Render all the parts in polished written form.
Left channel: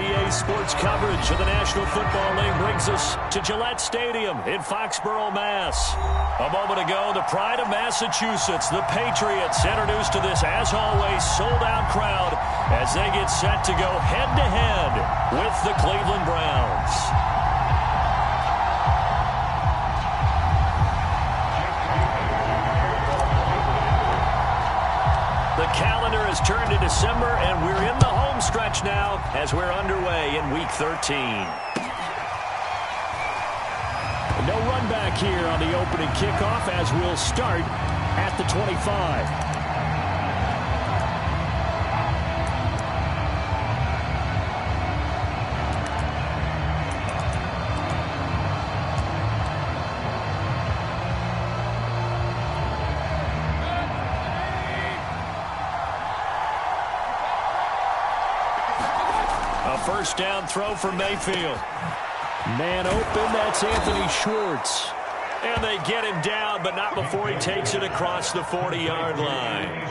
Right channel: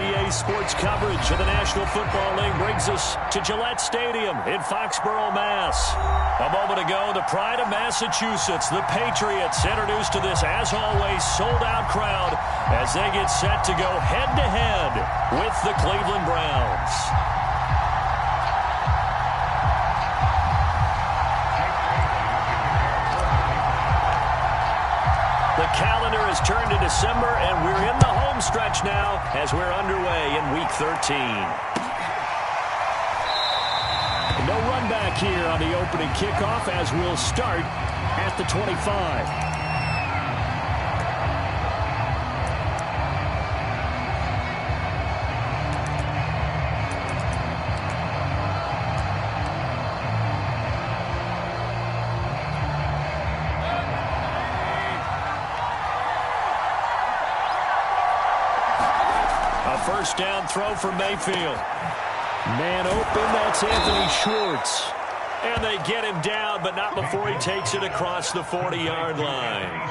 EA Sports coverage of the National Football League brings us to Gillette Stadium in Foxborough, Mass. A moment ago, the pride of Massachusetts, the Patriots, introduced to this, as always, sold-out crowd as they get set to go head-to-head with the Cleveland Browns. The calendar has turned to December, and we're in the home stretch now as we're underway in Week 13. No run back here on the opening kickoff as we'll start at the 25. A first down throw for Mayfield. Man open, that's Anthony Schwartz. And they get him down, but not before he takes it across the 40-yard line.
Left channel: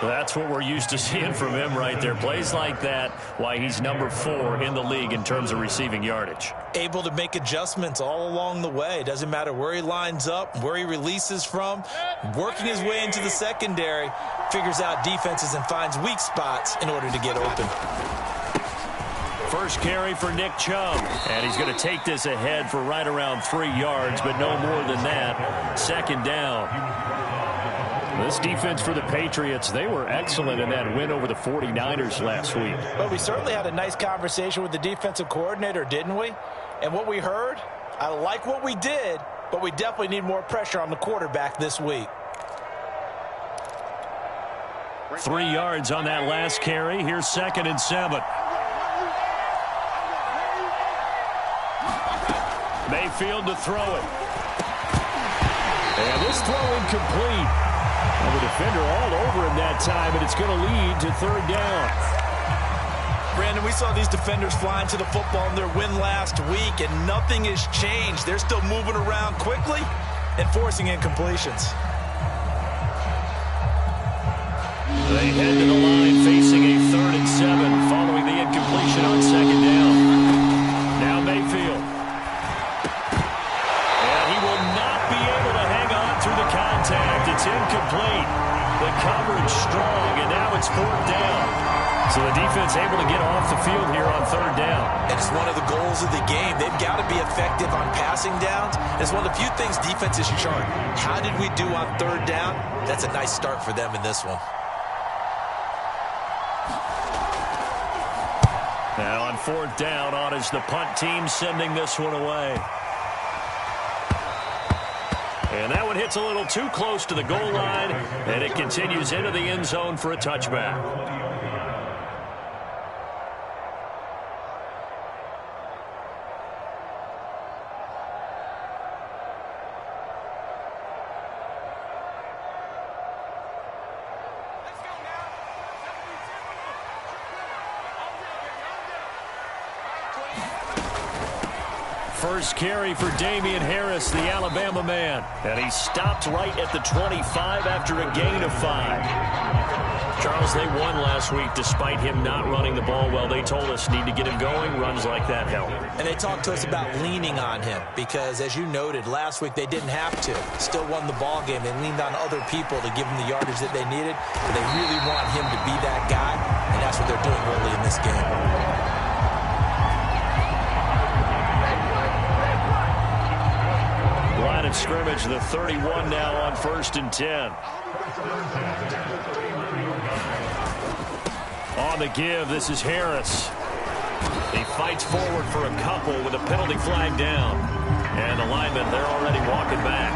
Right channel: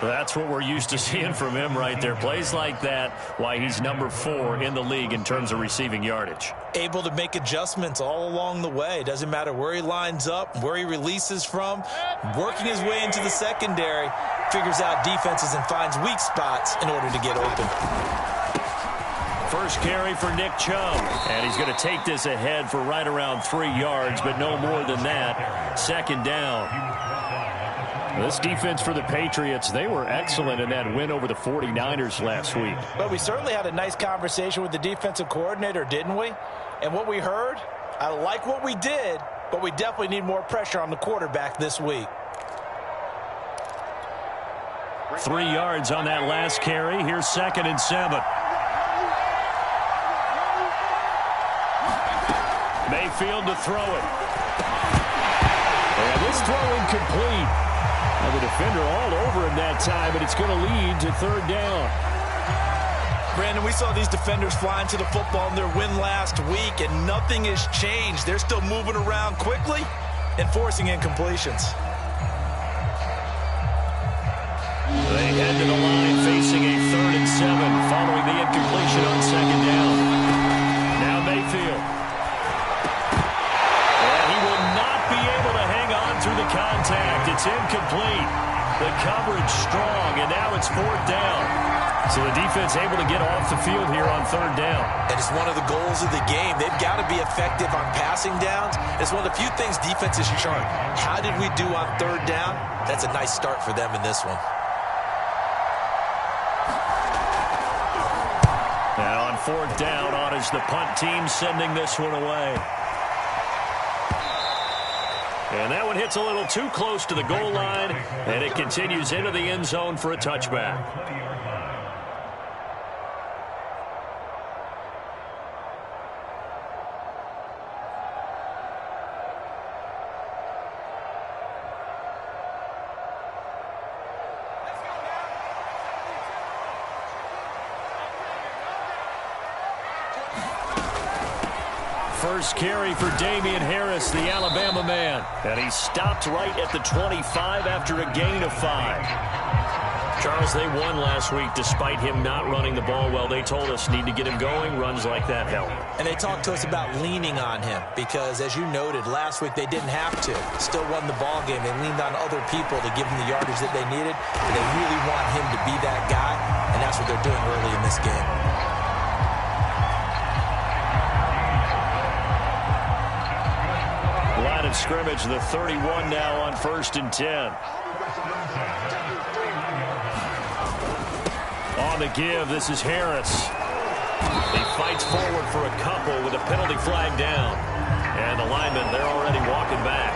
That's what we're used to seeing from him right there. Plays like that, why he's number 4 in the league in terms of receiving yardage. Able to make adjustments all along the way. Doesn't matter where he lines up, where he releases from. Working his way into the secondary, figures out defenses and finds weak spots in order to get open. First carry for Nick Chubb, and he's going to take this ahead for right around 3 yards, but no more than that. Second down. This defense for the Patriots, they were excellent in that win over the 49ers last week. But we certainly had a nice conversation with the defensive coordinator, didn't we? And what we heard, I like what we did, but we definitely need more pressure on the quarterback this week. 3 yards on that last carry. Here's 2nd and 7. Mayfield to throw it. And this throw incomplete. And the defender all over him that time, and it's going to lead to 3rd down. Brandon, we saw these defenders flying to the football in their win last week, and nothing has changed. They're still moving around quickly and forcing incompletions. They head to the line facing a 3rd and 7 following the incompletion on 2nd down. Now Mayfield. Through the contact, it's incomplete. The coverage strong, and now it's 4th down. So the defense able to get off the field here on 3rd down. And it's one of the goals of the game. They've got to be effective on passing downs. It's one of the few things defenses chart. How did we do on 3rd down? That's a nice start for them in this one. Now on 4th down, on is the punt team sending this one away. And that one hits a little too close to the goal line, and it continues into the end zone for a touchback. First carry for Damian Harris, the Alabama man. And he stopped right at the 25 after a gain of 5. Charles, they won last week despite him not running the ball well. They told us need to get him going. Runs like that help. And they talked to us about leaning on him because, as you noted, last week they didn't have to. Still won the ball game. They leaned on other people to give them the yardage that they needed. But they really want him to be that guy, and that's what they're doing early in this game. Line of scrimmage, the 31 now on 1st and 10. On the give, this is Harris. He fights forward for a couple with a penalty flag down. And the linemen, they're already walking back.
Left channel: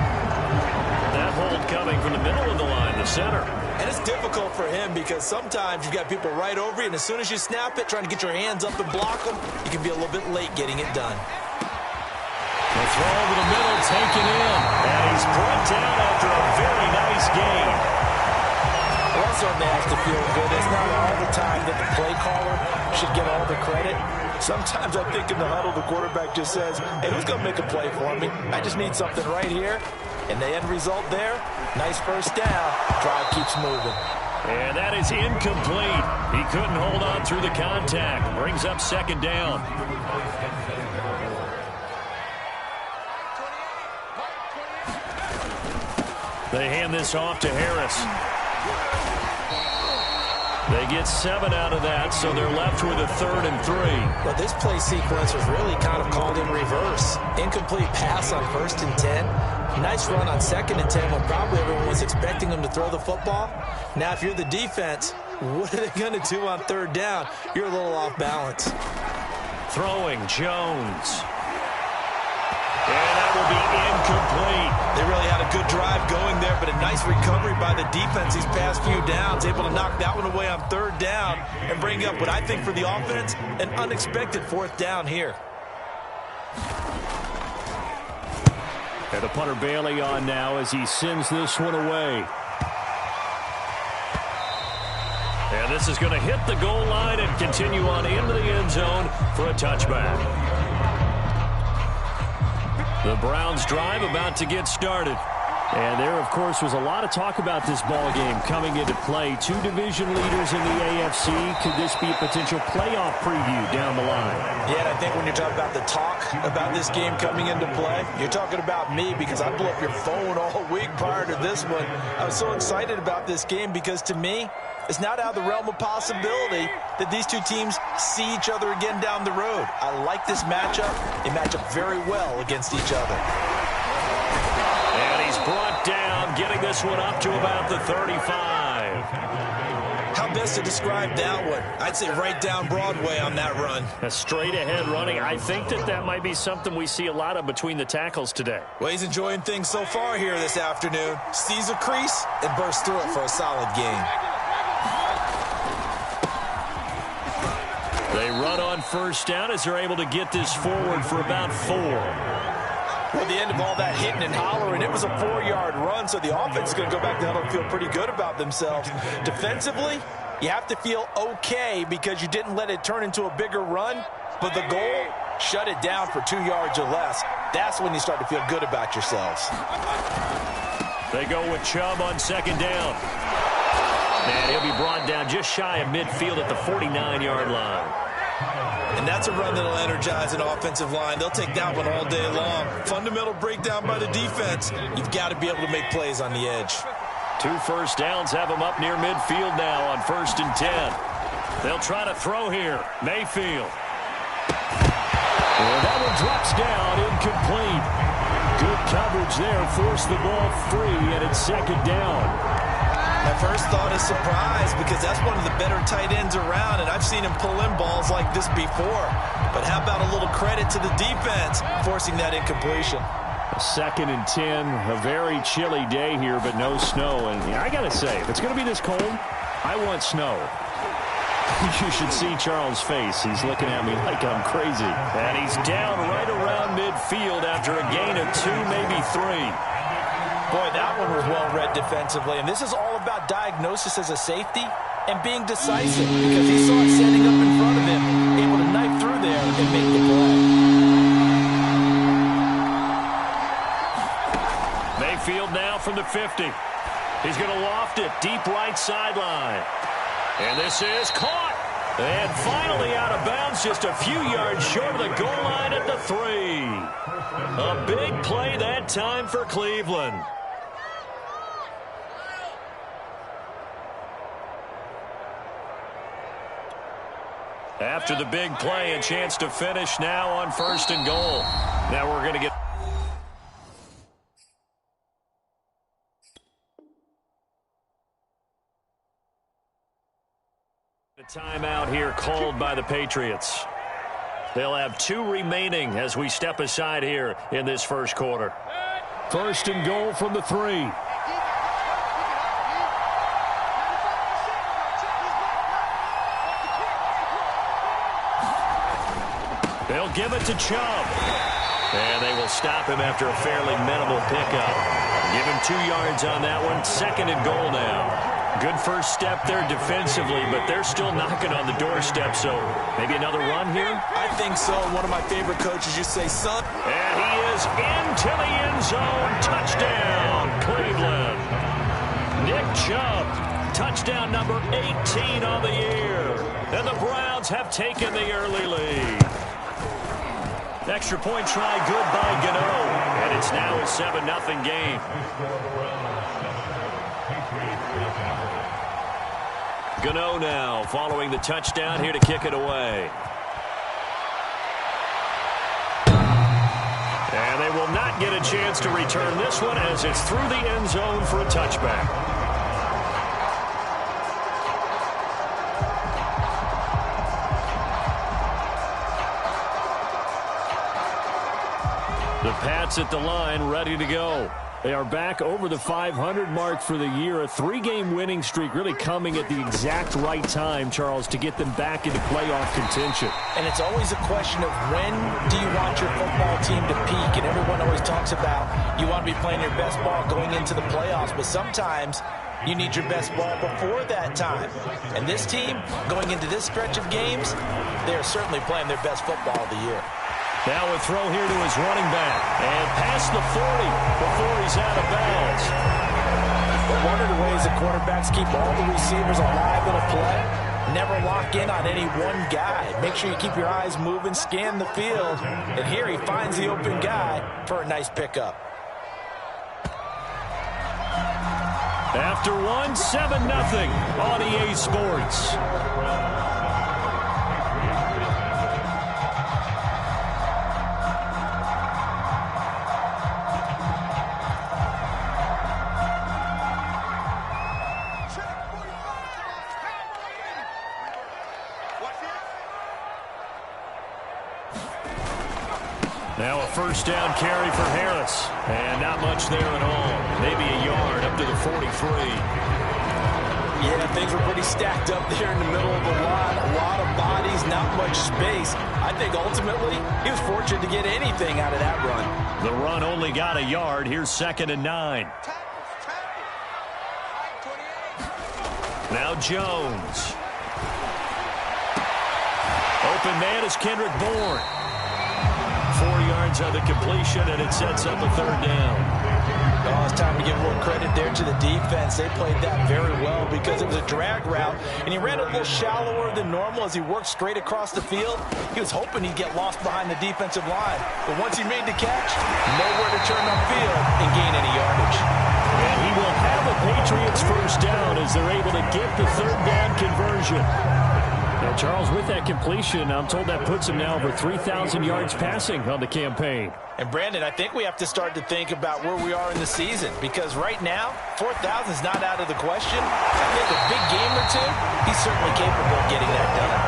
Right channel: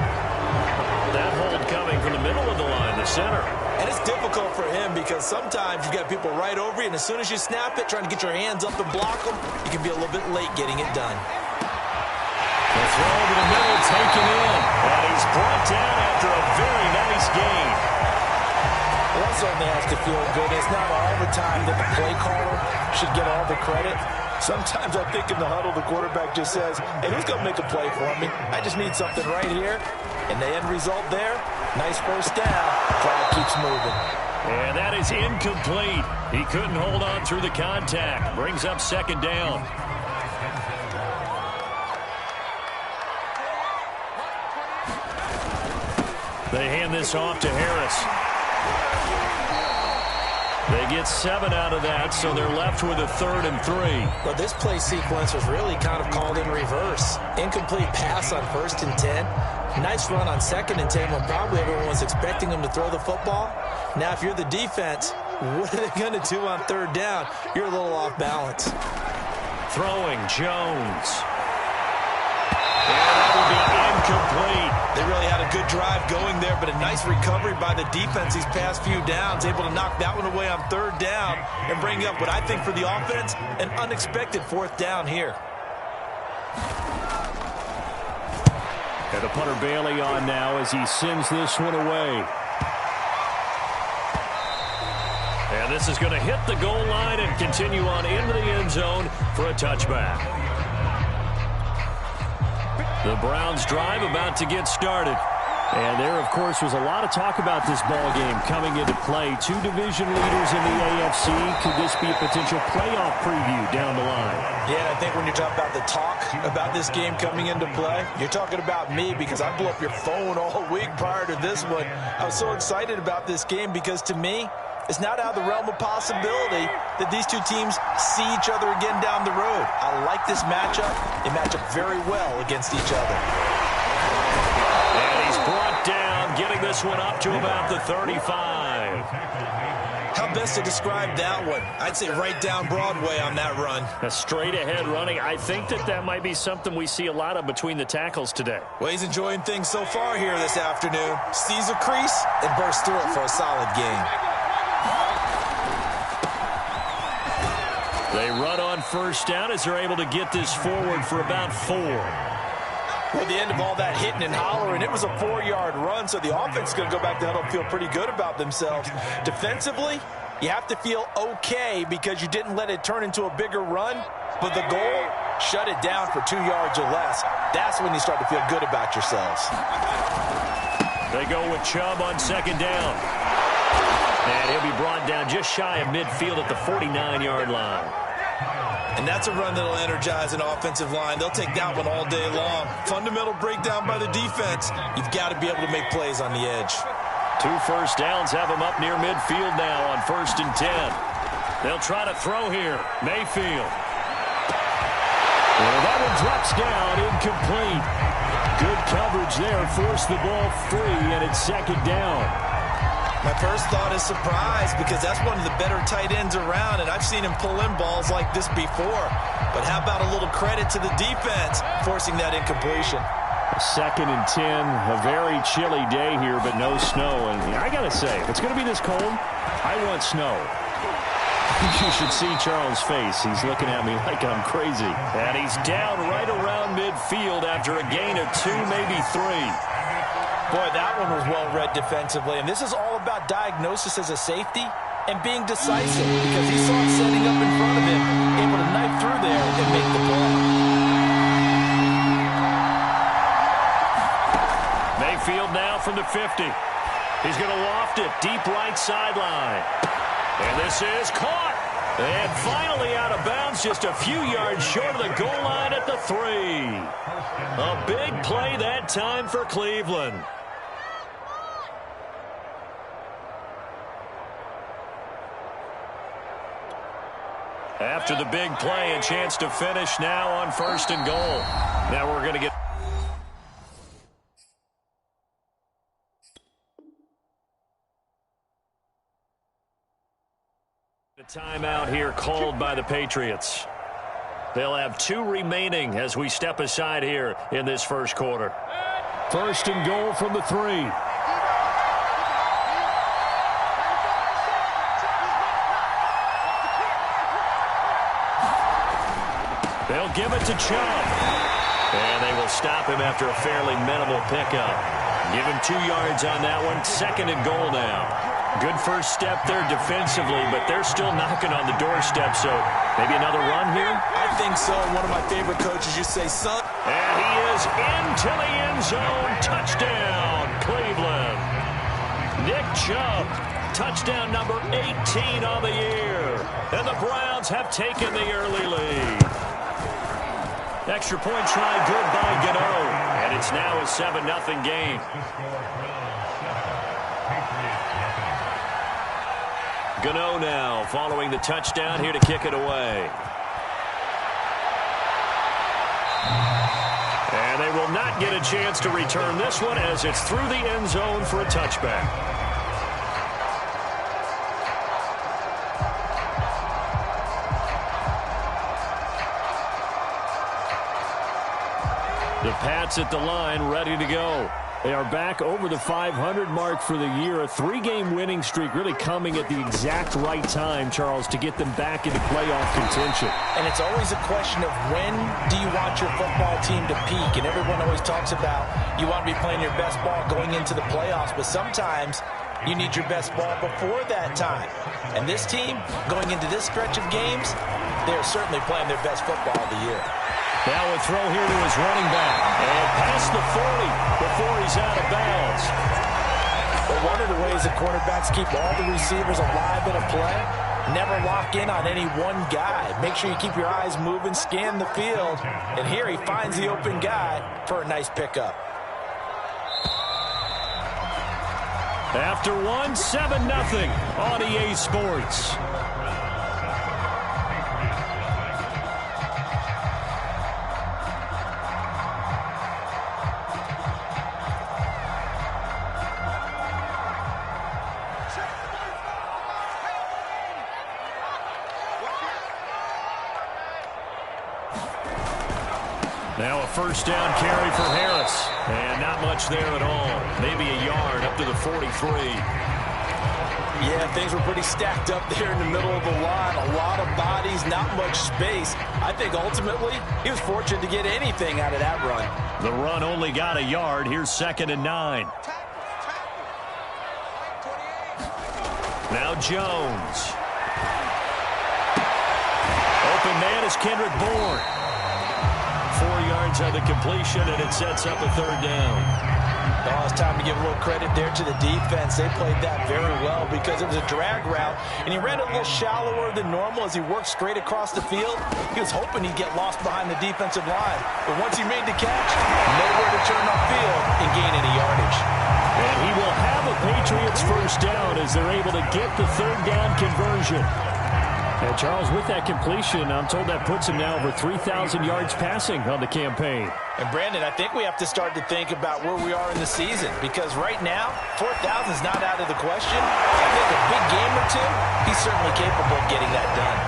That hold coming from the middle of the line, the center. And it's difficult for him because sometimes you've got people right over you, and as soon as you snap it, trying to get your hands up and block them, you can be a little bit late getting it done. The throw over the middle, taken in, and he's brought down after a very nice gain. Well, that certainly has to feel good. It's not all the time that the play caller should get all the credit. Sometimes I think in the huddle, the quarterback just says, hey, who's going to make a play for me? I just need something right here. And the end result there, nice first down. Drive keeps moving. And that is incomplete. He couldn't hold on through the contact. Brings up second down. They hand this off to Harris. They get 7 out of that, so they're left with a 3rd and 3. Well, this play sequence was really kind of called in reverse. Incomplete pass on 1st and 10. Nice run on 2nd and 10 when probably everyone was expecting them to throw the football. Now, if you're the defense, what are they going to do on 3rd down? You're a little off balance. Throwing, Jones. And that will be incomplete. They really had a good drive going there, but a nice recovery by the defense these past few downs, able to knock that one away on 3rd down and bring up what I think for the offense, an unexpected 4th down here. And the punter Bailey on now as he sends this one away. And this is going to hit the goal line and continue on into the end zone for a touchback. The Browns drive about to get started. And there, of course, was a lot of talk about this ball game coming into play. 2 division leaders in the AFC. Could this be a potential playoff preview down the line? Yeah, and I think when you're talking about the talk about this game coming into play, you're talking about me because I blew up your phone all week prior to this one. I was so excited about this game because, to me, it's not out of the realm of possibility that these two teams see each other again down the road. I like this matchup. They match up very well against each other. And he's brought down, getting this one up to about the 35. How best to describe that one? I'd say right down Broadway on that run. A straight-ahead running. I think that might be something we see a lot of between the tackles today. Well, he's enjoying things so far here this afternoon. Sees a crease and bursts through it for a solid game. They run on 1st down as they're able to get this forward for about 4. Well, at the end of all that hitting and hollering, it was a 4-yard run, so the offense is going to go back to huddle and feel pretty good about themselves. Defensively, you have to feel okay because you didn't let it turn into a bigger run, but the goal, shut it down for 2 yards or less. That's when you start to feel good about yourselves. They go with Chubb on 2nd down. And he'll be brought down just shy of midfield at the 49-yard line. And that's a run that'll energize an offensive line. They'll take that one all day long. Fundamental breakdown by the defense. You've got to be able to make plays on the edge. 2 1st downs have them up near midfield now on 1st and 10. They'll try to throw here. Mayfield. And that one drops down, incomplete. Good coverage there. Forced the ball free, and it's 2nd down. My first thought is surprise because that's one of the better tight ends around, and I've seen him pull in balls like this before. But how about a little credit to the defense forcing that incompletion? 2nd and 10, a very chilly day here, but no snow. And I got to say, if it's going to be this cold, I want snow. You should see Charles' face. He's looking at me like I'm crazy. And he's down right around midfield after a gain of 2, maybe 3. Boy, that one was well-read defensively, and this is all about diagnosis as a safety and being decisive because he saw it setting up in front of him, able to knife through there and make the play. Mayfield now from the 50. He's going to loft it deep right sideline. And this is caught. And finally out of bounds, just a few yards short of the goal line at the 3. A big play that time for Cleveland. After the big play, a chance to finish now on 1st and goal. Now we're going to get a timeout here called by the Patriots. They'll have 2 remaining as we step aside here in this first quarter. 1st and goal from the 3. They'll give it to Chubb. And they will stop him after a fairly minimal pickup. Give him 2 yards on that one. 2nd and goal now. Good first step there defensively, but they're still knocking on the doorstep, so maybe another run here? I think so. One of my favorite coaches, you say, son. And he is into the end zone. Touchdown, Cleveland. Nick Chubb Touchdown number 18 on the year. And the Browns have taken the early lead. Extra point try good by Gano. And it's now a 7-0 game. Gano now following the touchdown here to kick it away. And they will not get a chance to return this one as it's through the end zone for a touchback. The Pats at the line, ready to go. They are back over the 500 mark for the year. A 3-game winning streak really coming at the exact right time, Charles, to get them back into playoff contention. And it's always a question of when do you want your football team to peak? And everyone always talks about you want to be playing your best ball going into the playoffs, but sometimes you need your best ball before that time. And this team, going into this stretch of games, they are certainly playing their best football of the year. Now a throw here to his running back. And past the 40 before he's out of bounds. But one of the ways the quarterbacks keep all the receivers alive in a play, never lock in on any one guy. Make sure you keep your eyes moving, scan the field. And here he finds the open guy for a nice pickup. After one, 7-0 on EA Sports. Now a first down carry for Harris. And not much there at all. Maybe a yard up to the 43. Yeah, things were pretty stacked up there in the middle of the line. A lot of bodies, not much space. I think ultimately he was fortunate to get anything out of that run. The run only got a yard. Here's 2nd and 9. Now Jones. Open man is Kendrick Bourne. 4 yards on the completion, and it sets up a 3rd down. Oh, it's time to give a little credit there to the defense. They played that very well because it was a drag route, and he ran a little shallower than normal as he worked straight across the field. He was hoping he'd get lost behind the defensive line, but once he made the catch, nowhere to turn upfield and gain any yardage. And he will have a Patriots first down as they're able to get the 3rd down conversion. And Charles, with that completion, I'm told that puts him now over 3,000 yards passing on the campaign. And Brandon, I think we have to start to think about where we are in the season, because right now, 4,000 is not out of the question. I think a big game or two, he's certainly capable of getting that done.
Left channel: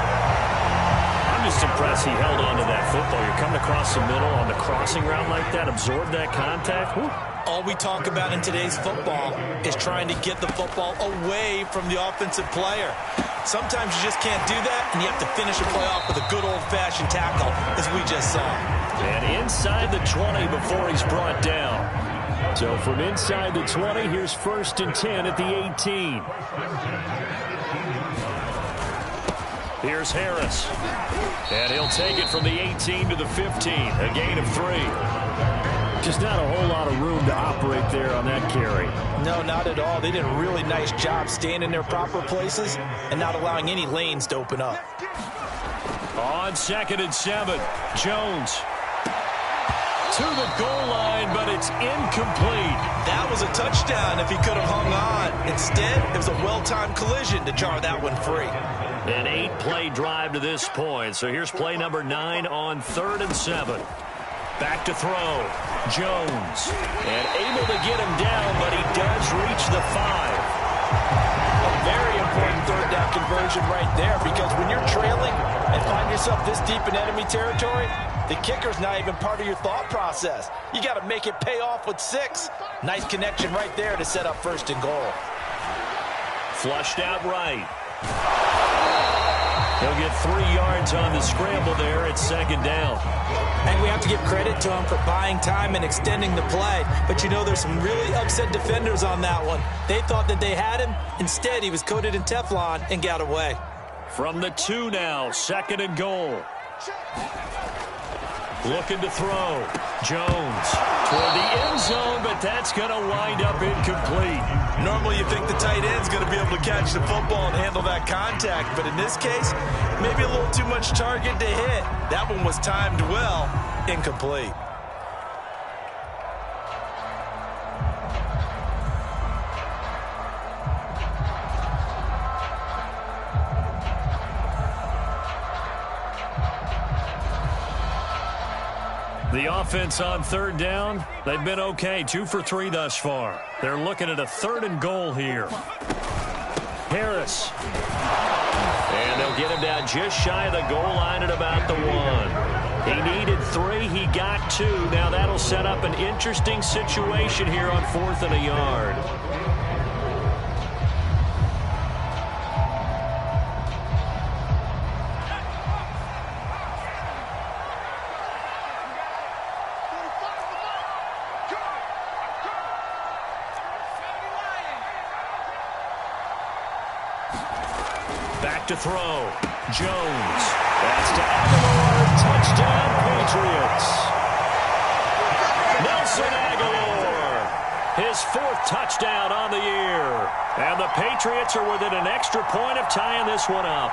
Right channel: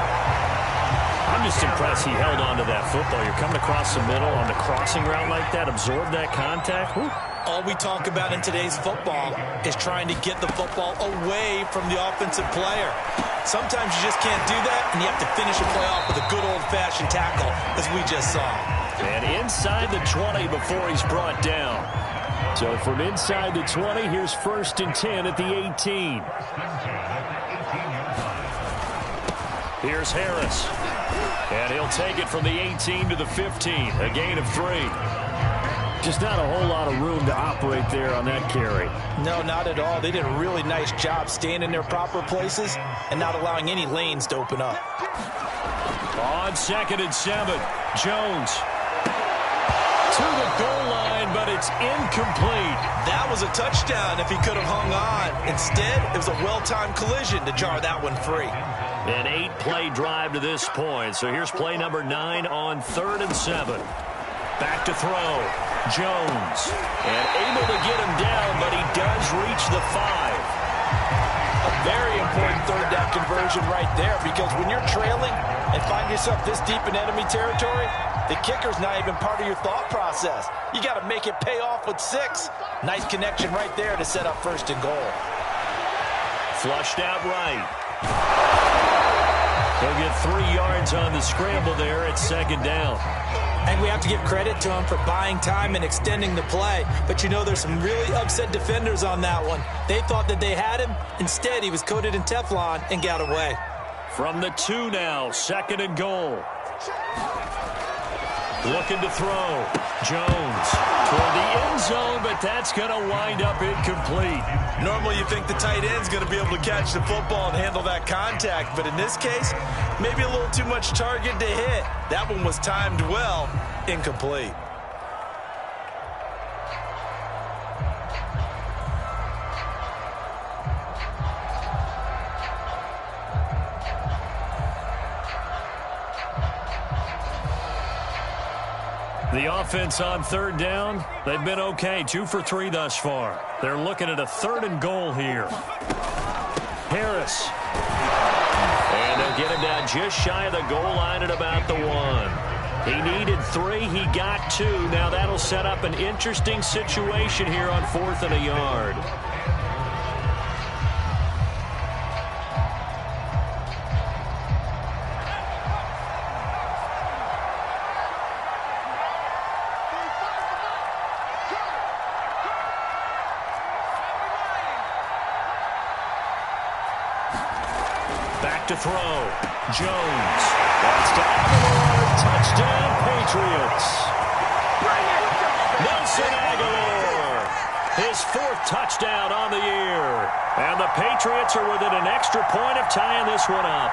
I'm just impressed he held on to that football. You're coming across the middle on the crossing route like that, absorb that contact. Whew. All we talk about in today's football is trying to get the football away from the offensive player. Sometimes you just can't do that, and you have to finish a play off with a good old-fashioned tackle, as we just saw. And inside the 20 before he's brought down. So from inside the 20, here's 1st and 10 at the 18. Here's Harris. And he'll take it from the 18 to the 15, a gain of 3. Just not a whole lot of room to operate there on that carry. No, not at all. They did a really nice job staying in their proper places and not allowing any lanes to open up. On 2nd and 7, Jones to the goal line, but it's incomplete. That was a touchdown if he could have hung on. Instead, it was a well-timed collision to jar that one free. An 8-play drive to this point. So here's play number 9 on 3rd and 7. Back to throw. Jones. And able to get him down, but he does reach the 5. A very important 3rd down conversion right there, because when you're trailing and find yourself this deep in enemy territory, the kicker's not even part of your thought process. You got to make it pay off with 6. Nice connection right there to set up 1st and goal. Flushed out right. He'll get 3 yards on the scramble there at 2nd down. And we have to give credit to him for buying time and extending the play. But you know, there's some really upset defenders on that one. They thought that they had him. Instead, he was coated in Teflon and got away. From the 2 now, 2nd and goal. Looking to throw. Jones toward the end zone, but that's going to wind up incomplete. Normally you think the tight end's going to be able to catch the football and handle that contact, but in this case, maybe a little too much target to hit. That one was timed well, incomplete. The offense on third down, they've been okay, 2 for 3 thus far. They're looking at a 3rd and goal here. Harris. And they'll get him down just shy of the goal line at about the 1. He needed 3, he got 2. Now that'll set up an interesting situation here on 4th and a yard. Back to throw. Jones. That's to Aguilar. Touchdown, Patriots. Nelson Aguilar. His 4th touchdown on the year. And the Patriots are within an extra point of tying this one up.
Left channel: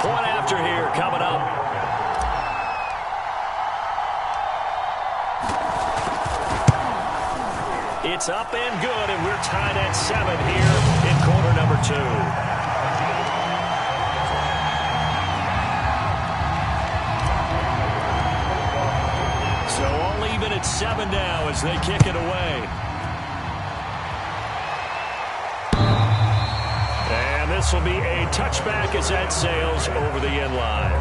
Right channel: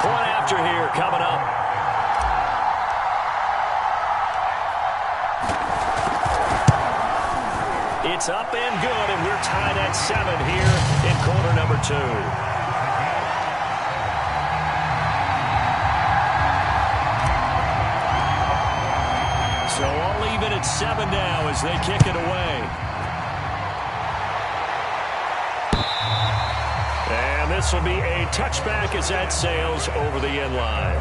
Point after here coming up. It's up and good, and we're tied at 7 here in quarter number 2. So all even at 7 now as they kick it away. And this will be a touchback as that sails over the end line.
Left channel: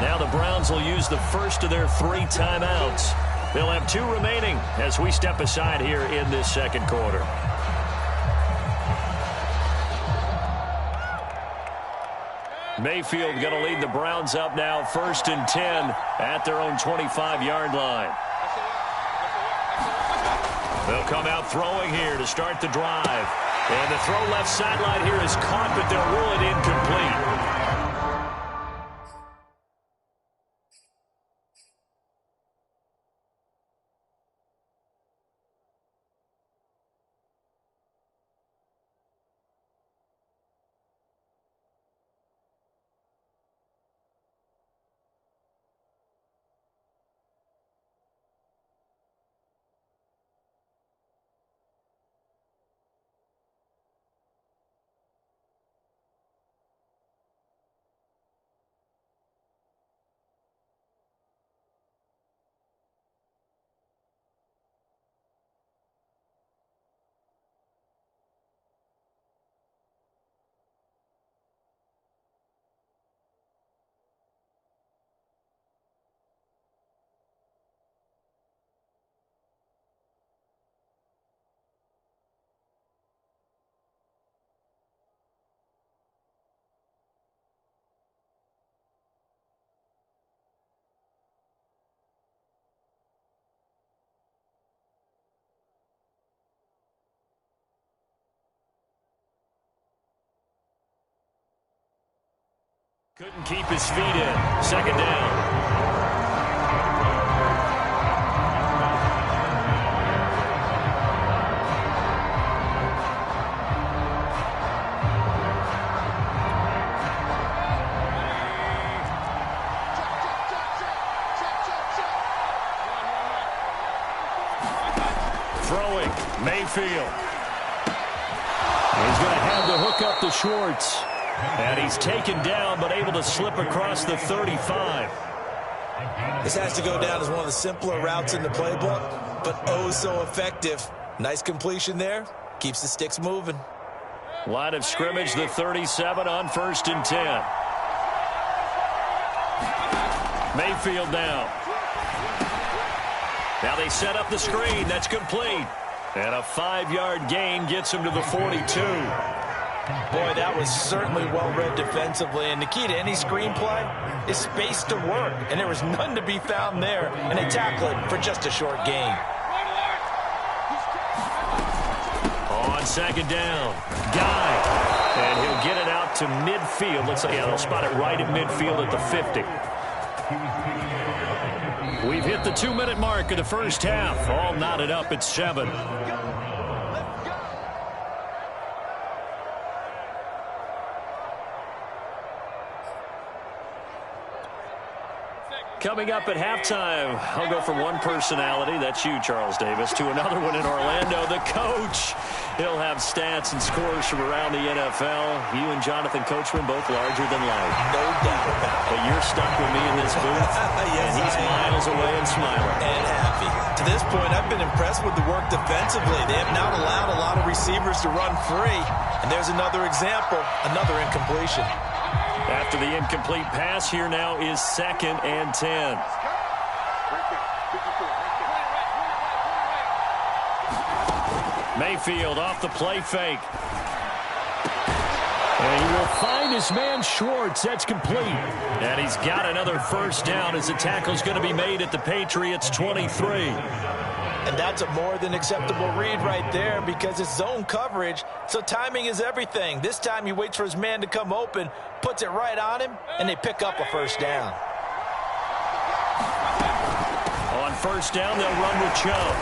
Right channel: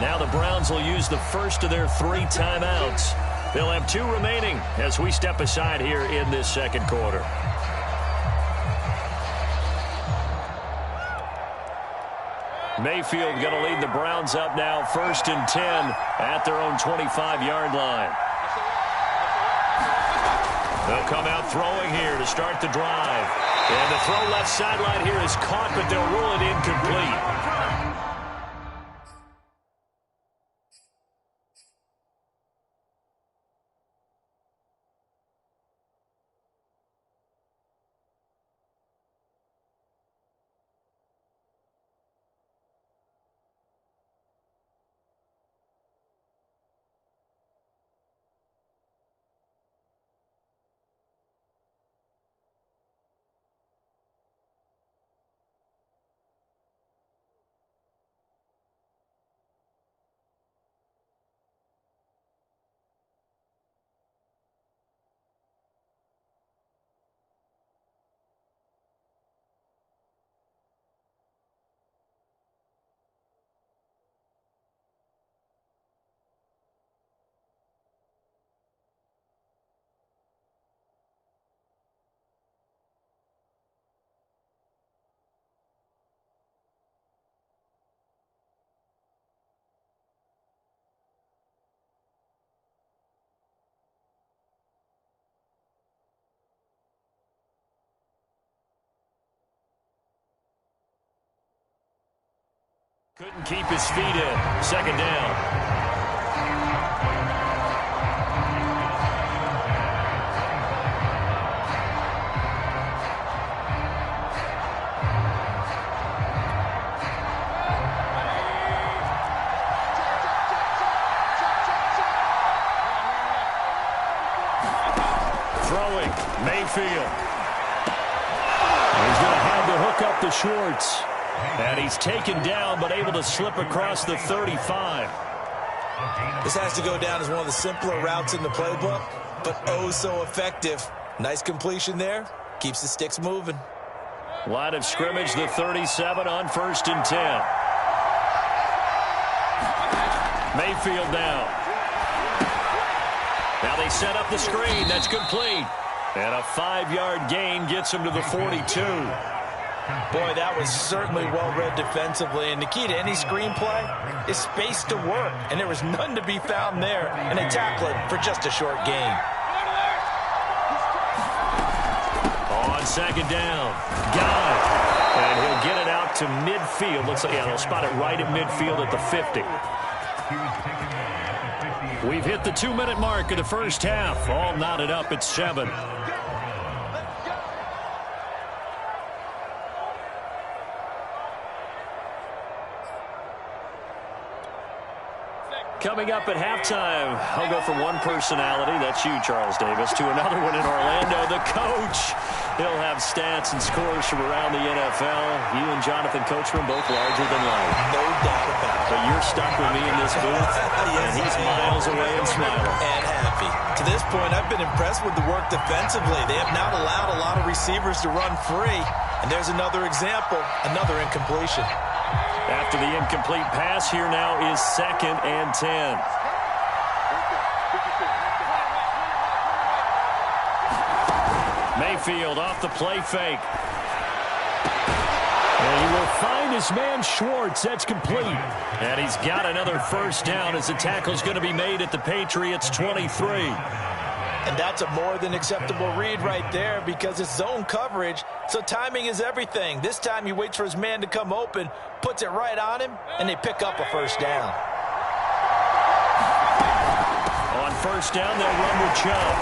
Now the Browns will use the first of their 3 timeouts. They'll have 2 remaining as we step aside here in this second quarter. Mayfield going to lead the Browns up now 1st and 10 at their own 25-yard line. They'll come out throwing here to start the drive. And the throw left sideline here is caught, but they'll rule it incomplete. Couldn't keep his feet in. 2nd down. Throwing, Mayfield. He's going to have to hook up to Schwartz. And he's taken down, but able to slip across the 35. This has to go down as one of the simpler routes in the playbook, but oh so effective. Nice completion there. Keeps the sticks moving. Line of scrimmage, the 37 on 1st and 10. Mayfield now. Now they set up the screen. That's complete. And a 5-yard gain gets him to the 42. Boy, that was certainly well-read defensively, and the key to any screenplay is space to work, and there was none to be found there, and they tackle it for just a short gain. On second down, Guy, and he'll get it out to midfield. Looks like, yeah, they'll spot it right at midfield at the 50. We've hit the 2-minute mark of the first half. All knotted up at 7. Coming up at halftime, I'll go from one personality, that's you, Charles Davis, to another one in Orlando, the coach. He'll have stats and scores from around the NFL. You and Jonathan Coachman both larger than life. No doubt about it. But you're stuck with me in this booth, yes, and he's miles away and smiling. And happy. To this point, I've been impressed with the work defensively. They have not allowed a lot of receivers to run free. And there's another example, another incompletion. After the incomplete pass, here now is 2nd and 10. Mayfield off the play fake. And he will find his man Schwartz. That's complete. And he's got another first down as the tackle's going to be made at the Patriots 23. And that's a more than acceptable read right there because it's zone coverage, so timing is everything. This time he waits for his man to come open, puts it right on him, and they pick up a first down. On first down, they'll run with Chubb.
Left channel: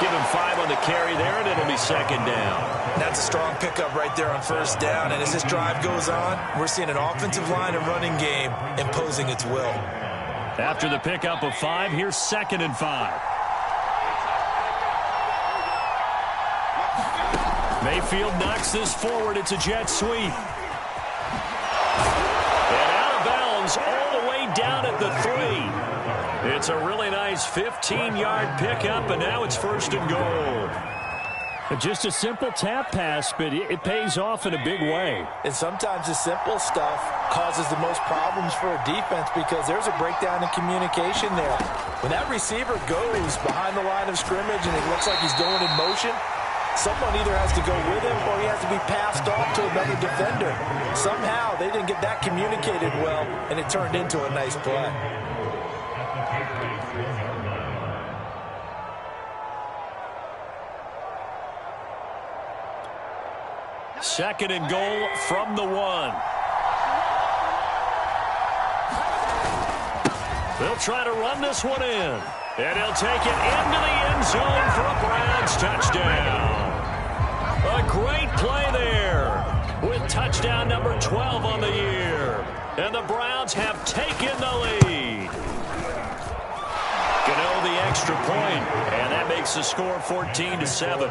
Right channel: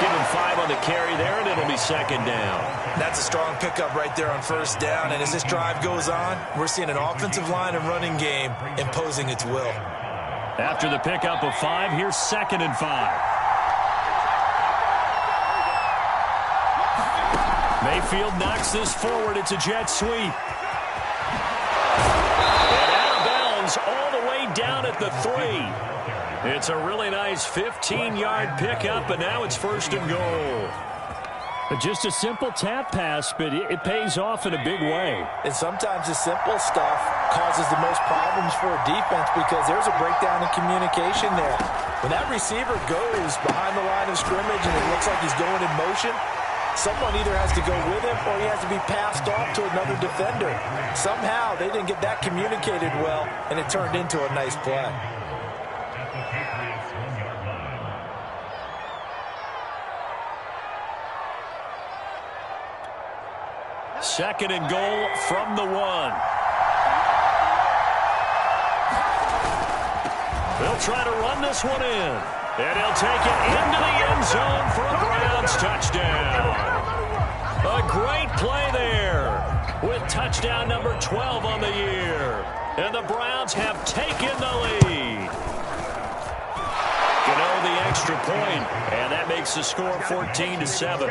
Give him 5 on the carry there, and it'll be 2nd down. That's a strong pickup right there on first down, and as this drive goes on, we're seeing an offensive line and running game imposing its will. After the pickup of 5, here's 2nd and 5. Mayfield knocks this forward. It's a jet sweep. And out of bounds all the way down at the 3. It's a really nice 15-yard pickup, and now it's 1st and goal. Just a simple tap pass, but it pays off in a big way. And sometimes the simple stuff causes the most problems for a defense because there's a breakdown in communication there. When that receiver goes behind the line of scrimmage and it looks like he's going in motion, someone either has to go with him or he has to be passed off to another defender. Somehow they didn't get that communicated well, and it turned into a nice play. Second and goal from the 1. They'll try to run this one in. And he'll take it into the end zone for a Browns touchdown. A great play there with touchdown number 12 on the year. And the Browns have taken the lead. Gano the extra point, and that makes the score 14-7.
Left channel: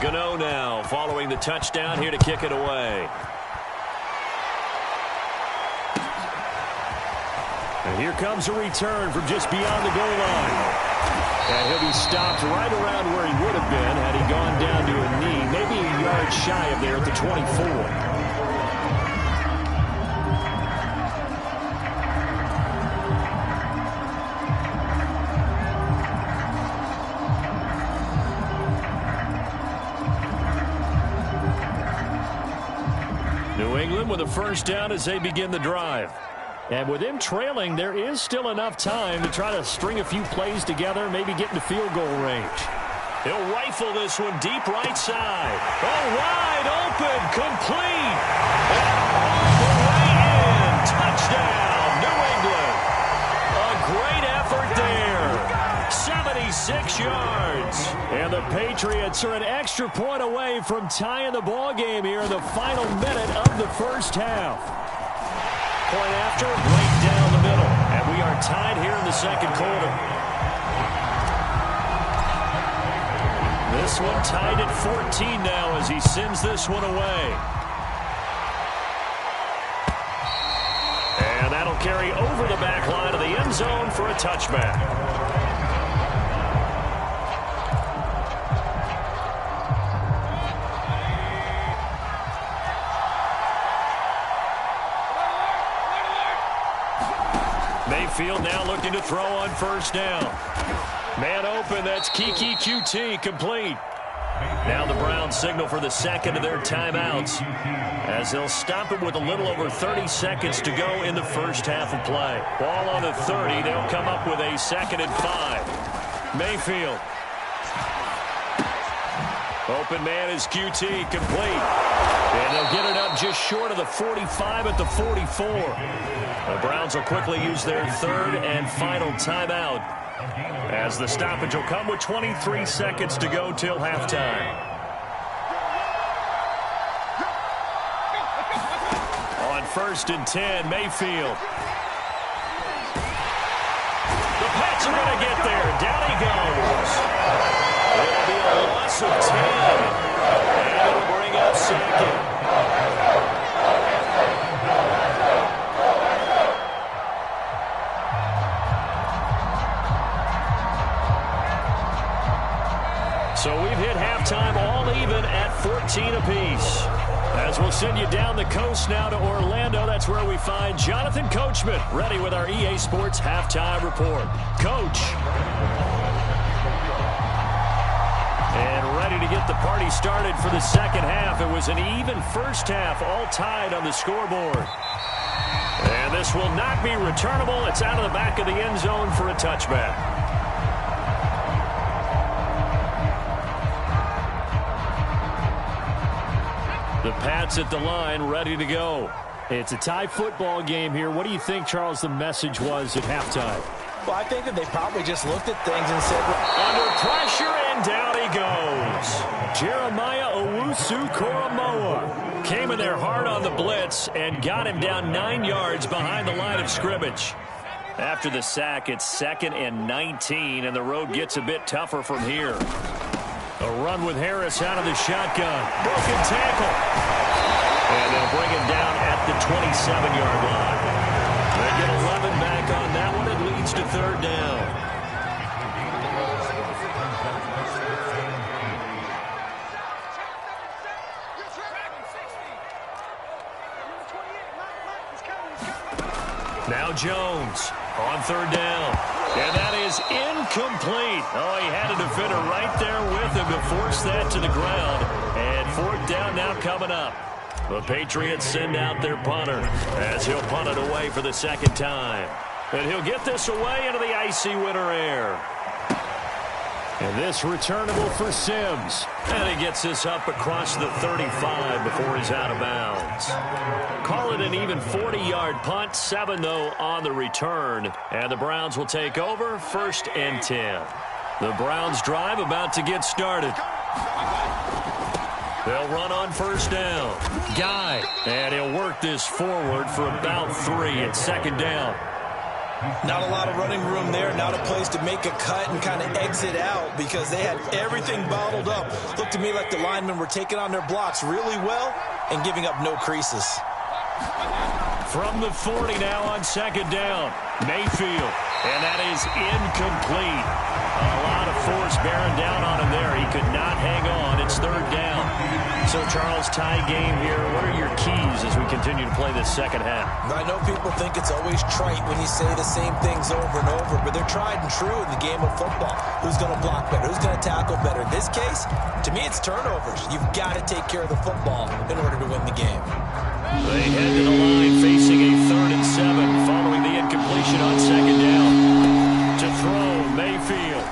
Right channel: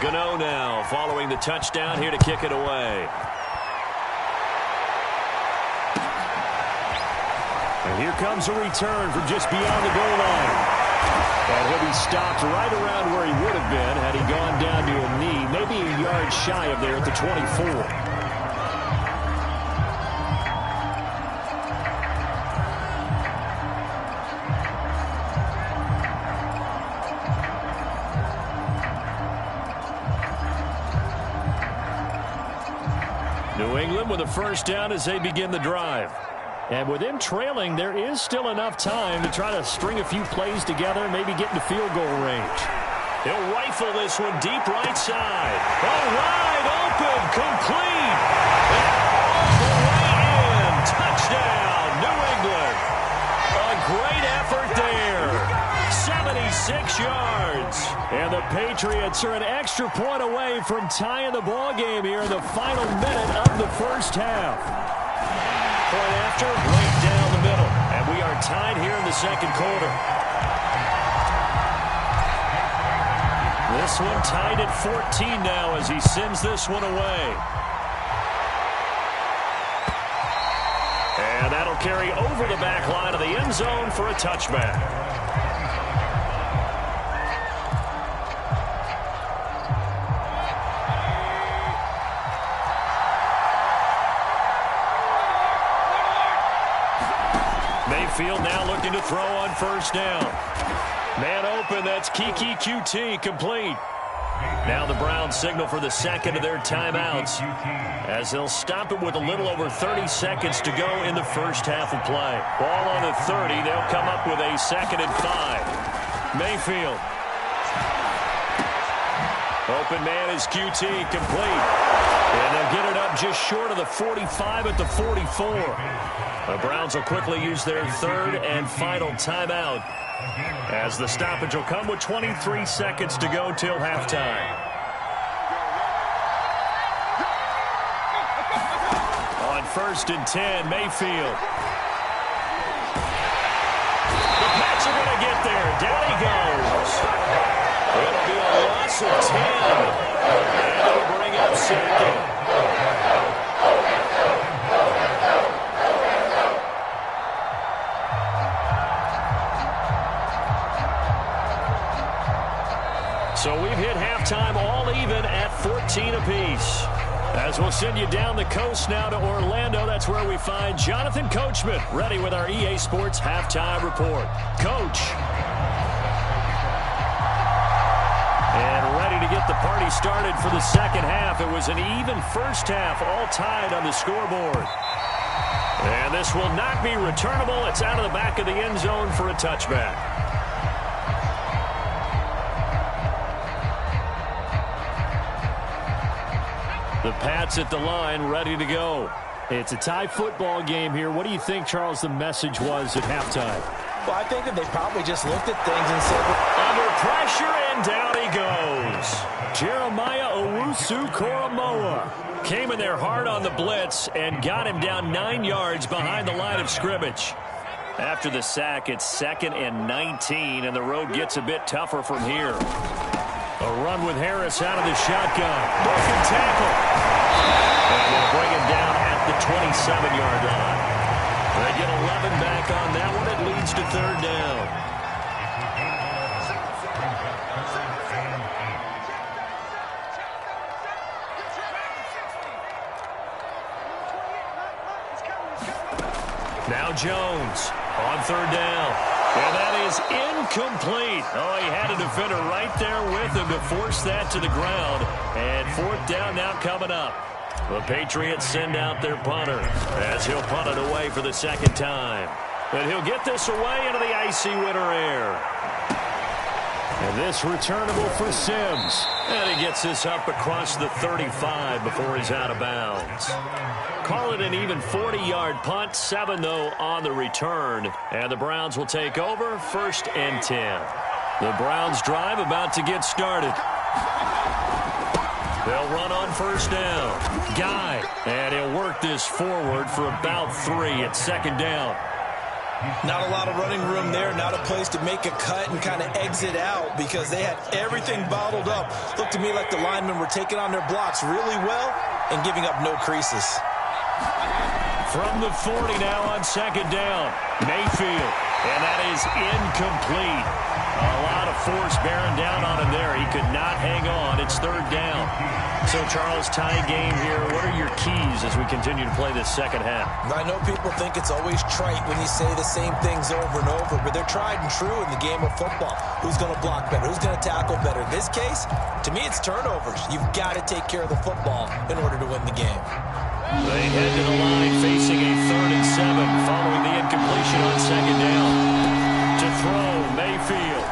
Gano now following the touchdown here to kick it away. And here comes a return from just beyond the goal line. And he'll be stopped right around where he would have been had he gone down to a knee, maybe a yard shy of there at the 24. New England with a first down as they begin the drive. And with them trailing, there is still enough time to try to string a few plays together, maybe get into field goal range. He'll rifle this one deep right side. Oh, wide open, complete, and all the way in. Touchdown, New England. A great effort there. 76 yards. And the Patriots are an extra point away from tying the ball game here in the final minute of the first half. Point after, right down the middle. And we are tied here in the second quarter. This one tied at 14 now as he sends this one away. And that'll carry over the back line of the end zone for a touchback. Mayfield now looking to throw on first down. Man open, that's Kiki QT, complete. Now the Browns signal for the second of their timeouts as they'll stop it with a little over 30 seconds to go in the first half of play. Ball on the 30. They'll come up with a 2nd and 5. Mayfield. Open man is QT, complete. And they'll get it up just short of the 45 at the 44. The Browns will quickly use their 3rd and final timeout as the stoppage will come with 23 seconds to go till halftime. On 1st and 10, Mayfield. The Pats are going to get there. Down he goes. It'll be a loss of 10. And it'll bring up 2nd. So we've hit halftime all even at 14 apiece. As we'll send you down the coast now to Orlando, that's where we find Jonathan Coachman ready with our EA Sports Halftime Report. Coach. And ready to get the party started for the second half. It was an even first half, all tied on the scoreboard. And this will not be returnable. It's out of the back of the end zone for a touchback. The Pats at the line, ready to go. It's a tie football game here. What do you think, Charles, the message was at halftime? Well, I think that they probably just looked at things and said, under pressure, and down he goes. Jeremiah Owusu-Koramoah came in there hard on the blitz and got him down 9 yards behind the line of scrimmage. After the sack, it's 2nd and 19, and the road gets a bit tougher from here. A run with Harris out of the shotgun. Broken tackle. And they'll bring him down at the 27-yard line. They get 11 back on that one. It leads to 3rd down. Now Jones on 3rd down. And that is incomplete. Oh, he had a defender right there with him to force that to the ground. And 4th down now coming up. The Patriots send out their punter as he'll punt it away for the 2nd time. And he'll get this away into the icy winter air. And this returnable for Sims. And he gets this up across the 35 before he's out of bounds. Call it an even 40-yard punt. 7, though, on the return. And the Browns will take over 1st and 10. The Browns drive about to get started. They'll run on 1st down. Guy. And he'll work this forward for about 3 at 2nd down. Not a lot of running room there, not a place to make a cut and kind of exit out because they had everything bottled up. Looked to me like the linemen were taking on their blocks really well and giving up no creases. From the 40 now on 2nd down, Mayfield, and that is incomplete. A lot of force bearing down on him there. He could not hang on. It's 3rd down. So, Charles, tie game here. What are your keys as we continue to play this second half? I know people think it's always trite when you say the same things over and over, but they're tried and true in the game of football. Who's going to block better? Who's going to tackle better? In this case, to me, it's turnovers. You've got to take care of the football in order to win the game. They head to the line facing a 3rd and 7 following the incompletion on 2nd down. To throw, Mayfield.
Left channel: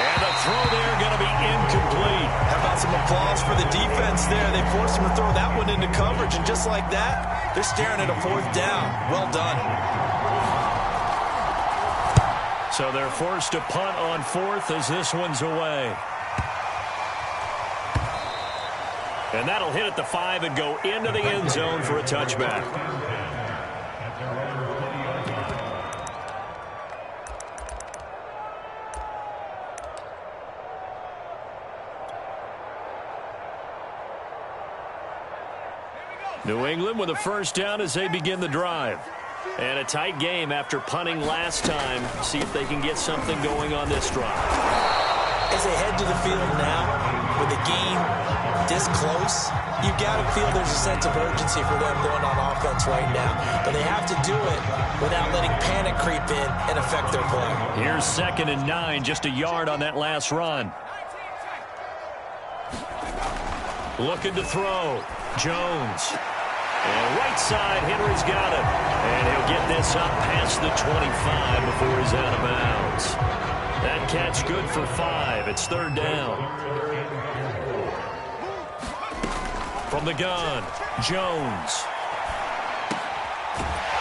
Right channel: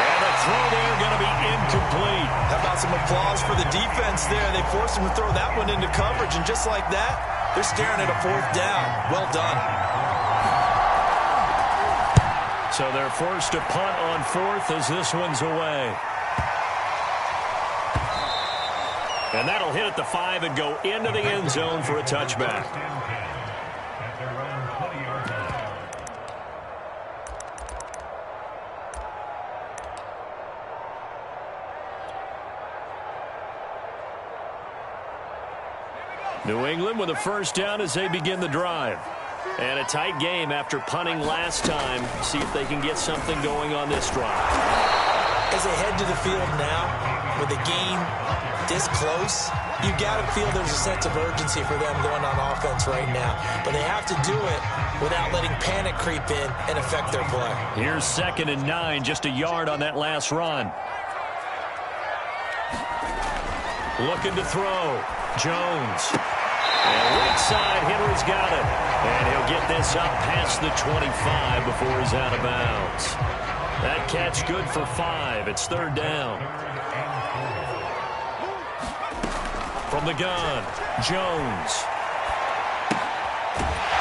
And the throw there going to be incomplete. How about some applause for the defense there? They forced him to throw that one into coverage, and just like that, they're staring at a 4th down. Well done. So they're forced to punt on 4th as this one's away. And that'll hit at the 5 and go into the end zone for a touchback. New England with a 1st down as they begin the drive. And a tight game after punting last time. See if they can get something going on this drive. As they head to the field now, with the game this close, you got to feel there's a sense of urgency for them going on offense right now. But they have to do it without letting panic creep in and affect their play. Here's 2nd and 9, just a yard on that last run. Looking to throw. Jones. And right side, Henry's got it. And he'll get this up past the 25 before he's out of bounds. That catch good for 5. It's 3rd down. From the gun, Jones.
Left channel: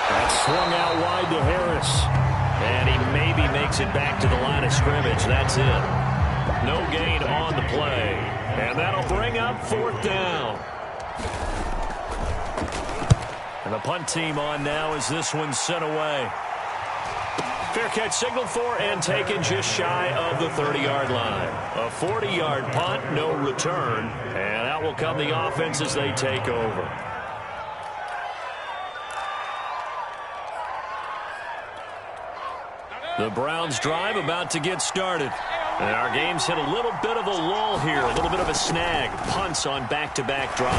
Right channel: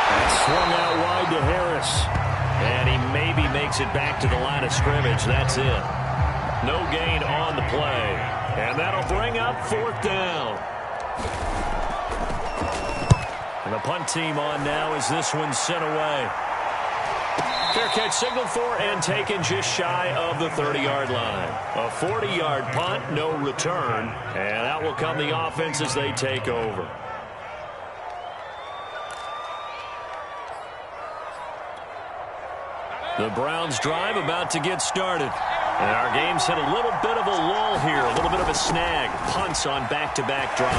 That's swung out wide to Harris. And he maybe makes it back to the line of scrimmage. That's it. No gain on the play. And that'll bring up 4th down. And the punt team on now as this one's sent away. Fair catch signaled for and taken just shy of the 30-yard line. A 40-yard punt, no return. And out will come the offense as they take over. The Browns drive about to get started. And our game's hit a little bit of a lull here, a little bit of a snag. Punts on back-to-back drives.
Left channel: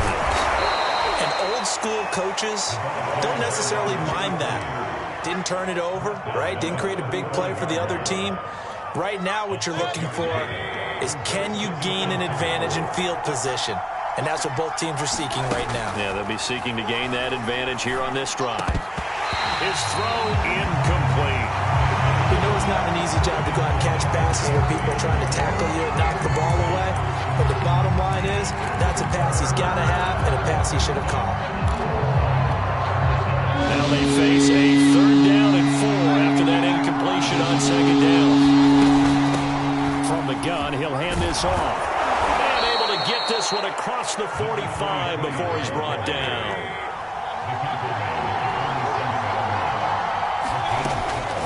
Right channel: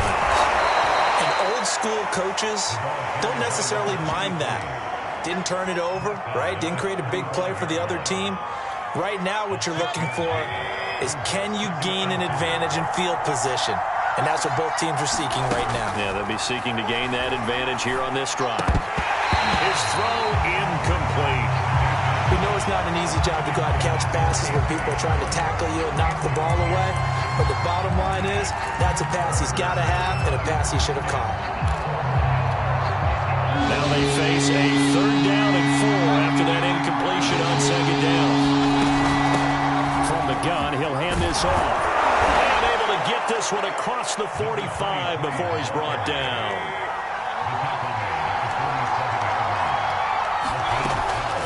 And old-school coaches don't necessarily mind that. Didn't turn it over, right? Didn't create a big play for the other team. Right now what you're looking for is can you gain an advantage in field position? And that's what both teams are seeking right now. Yeah, they'll be seeking to gain that advantage here on this drive. His throw incomplete. We know it's not an easy job to go out and catch passes where people are trying to tackle you and knock the ball away. But the bottom line is that's a pass he's got to have and a pass he should have caught. Now they face a 3rd down and 4 after that incompletion on 2nd down. From the gun, he'll hand this off. And able to get this one across the 45 before he's brought down.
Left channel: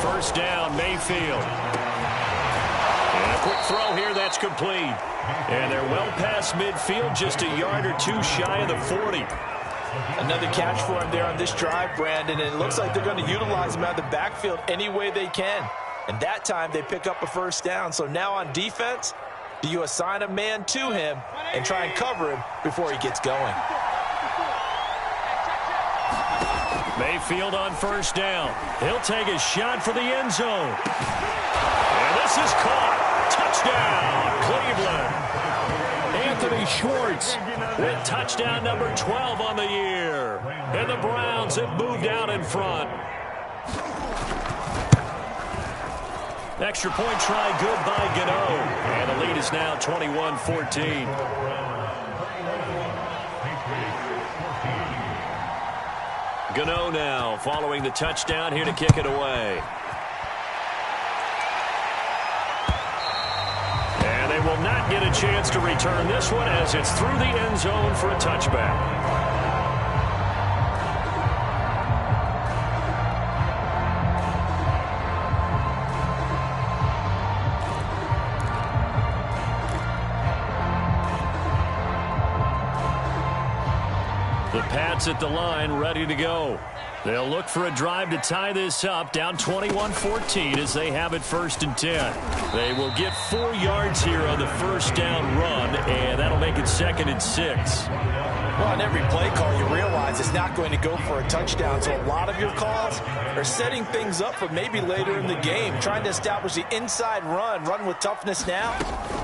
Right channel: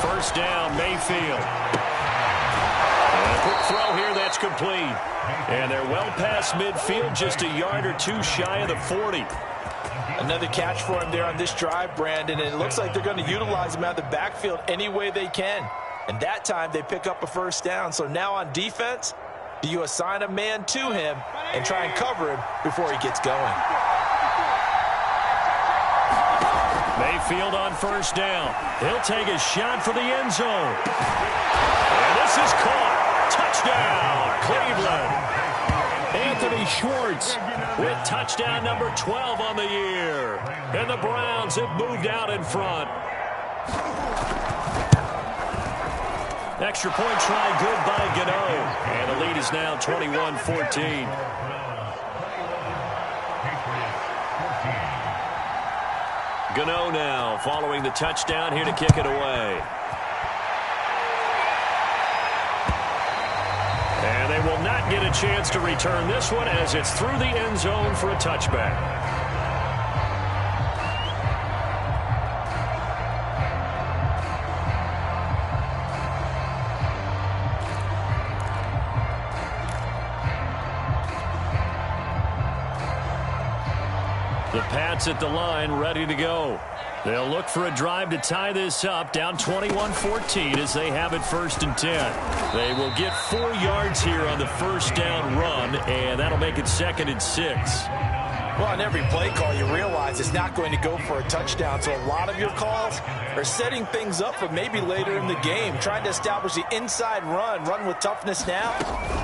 First down, Mayfield. And a quick throw here, that's complete. And they're well past midfield, just a yard or 2 shy of the 40. Another catch for him there on this drive, Brandon, and it looks like they're going to utilize him out of the backfield any way they can. And that time they pick up a first down. So now on defense, do you assign a man to him and try and cover him before he gets going? Mayfield on first down. He'll take a shot for the end zone. And this is caught. Touchdown, Cleveland. Anthony Schwartz with touchdown number 12 on the year. And the Browns have moved out in front. Extra point try good by Gano. And the lead is now 21-14. Gano now following the touchdown here to kick it away. And they will not get a chance to return this one as it's through the end zone for a touchback. The Pats at the line, ready to go. They'll look for a drive to tie this up, down 21-14 as they have it 1st and 10. They will get 4 yards here on the first down run, and that'll make it 2nd and 6. Well, on every play call, you realize it's not going to go for a touchdown. So a lot of your calls are setting things up for maybe later in the game, trying to establish the inside run with toughness now,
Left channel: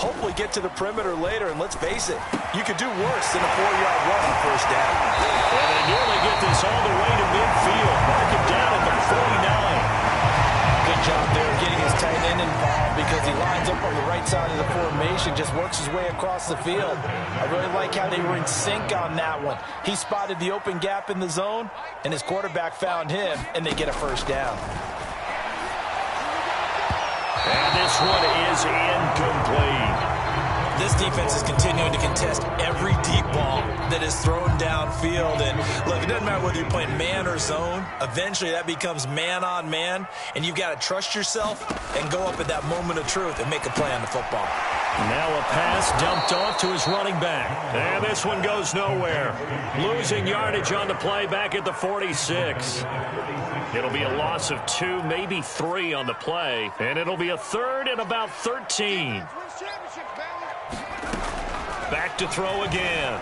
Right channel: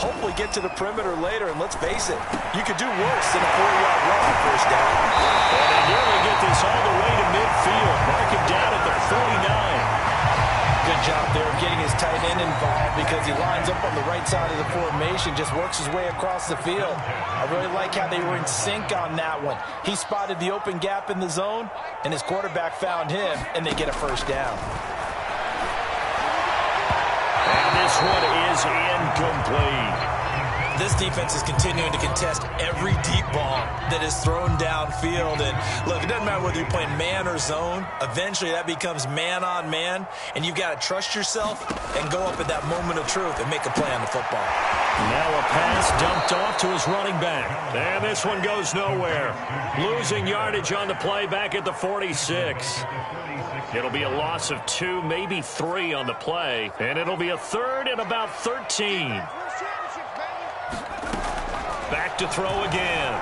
hopefully get to the perimeter later. And let's face it, you could do worse than a 4-yard run on first down. And they nearly get this all the way to midfield. Mark him down at the 49. Good job there of getting his tight end involved because he lines up on the right side of the formation, just works his way across the field. I really like how they were in sync on that one. He spotted the open gap in the zone, and his quarterback found him, and they get a first down. And this one is incomplete. This defense is continuing to contest every deep ball that is thrown downfield. And look, it doesn't matter whether you're playing man or zone. Eventually that becomes man on man, and you've got to trust yourself and go up at that moment of truth and make a play on the football. Now a pass dumped off to his running back. And this one goes nowhere. Losing yardage on the play back at the 46. It'll be a loss of 2, maybe 3 on the play. And it'll be a 3rd and about 13. Back to throw again.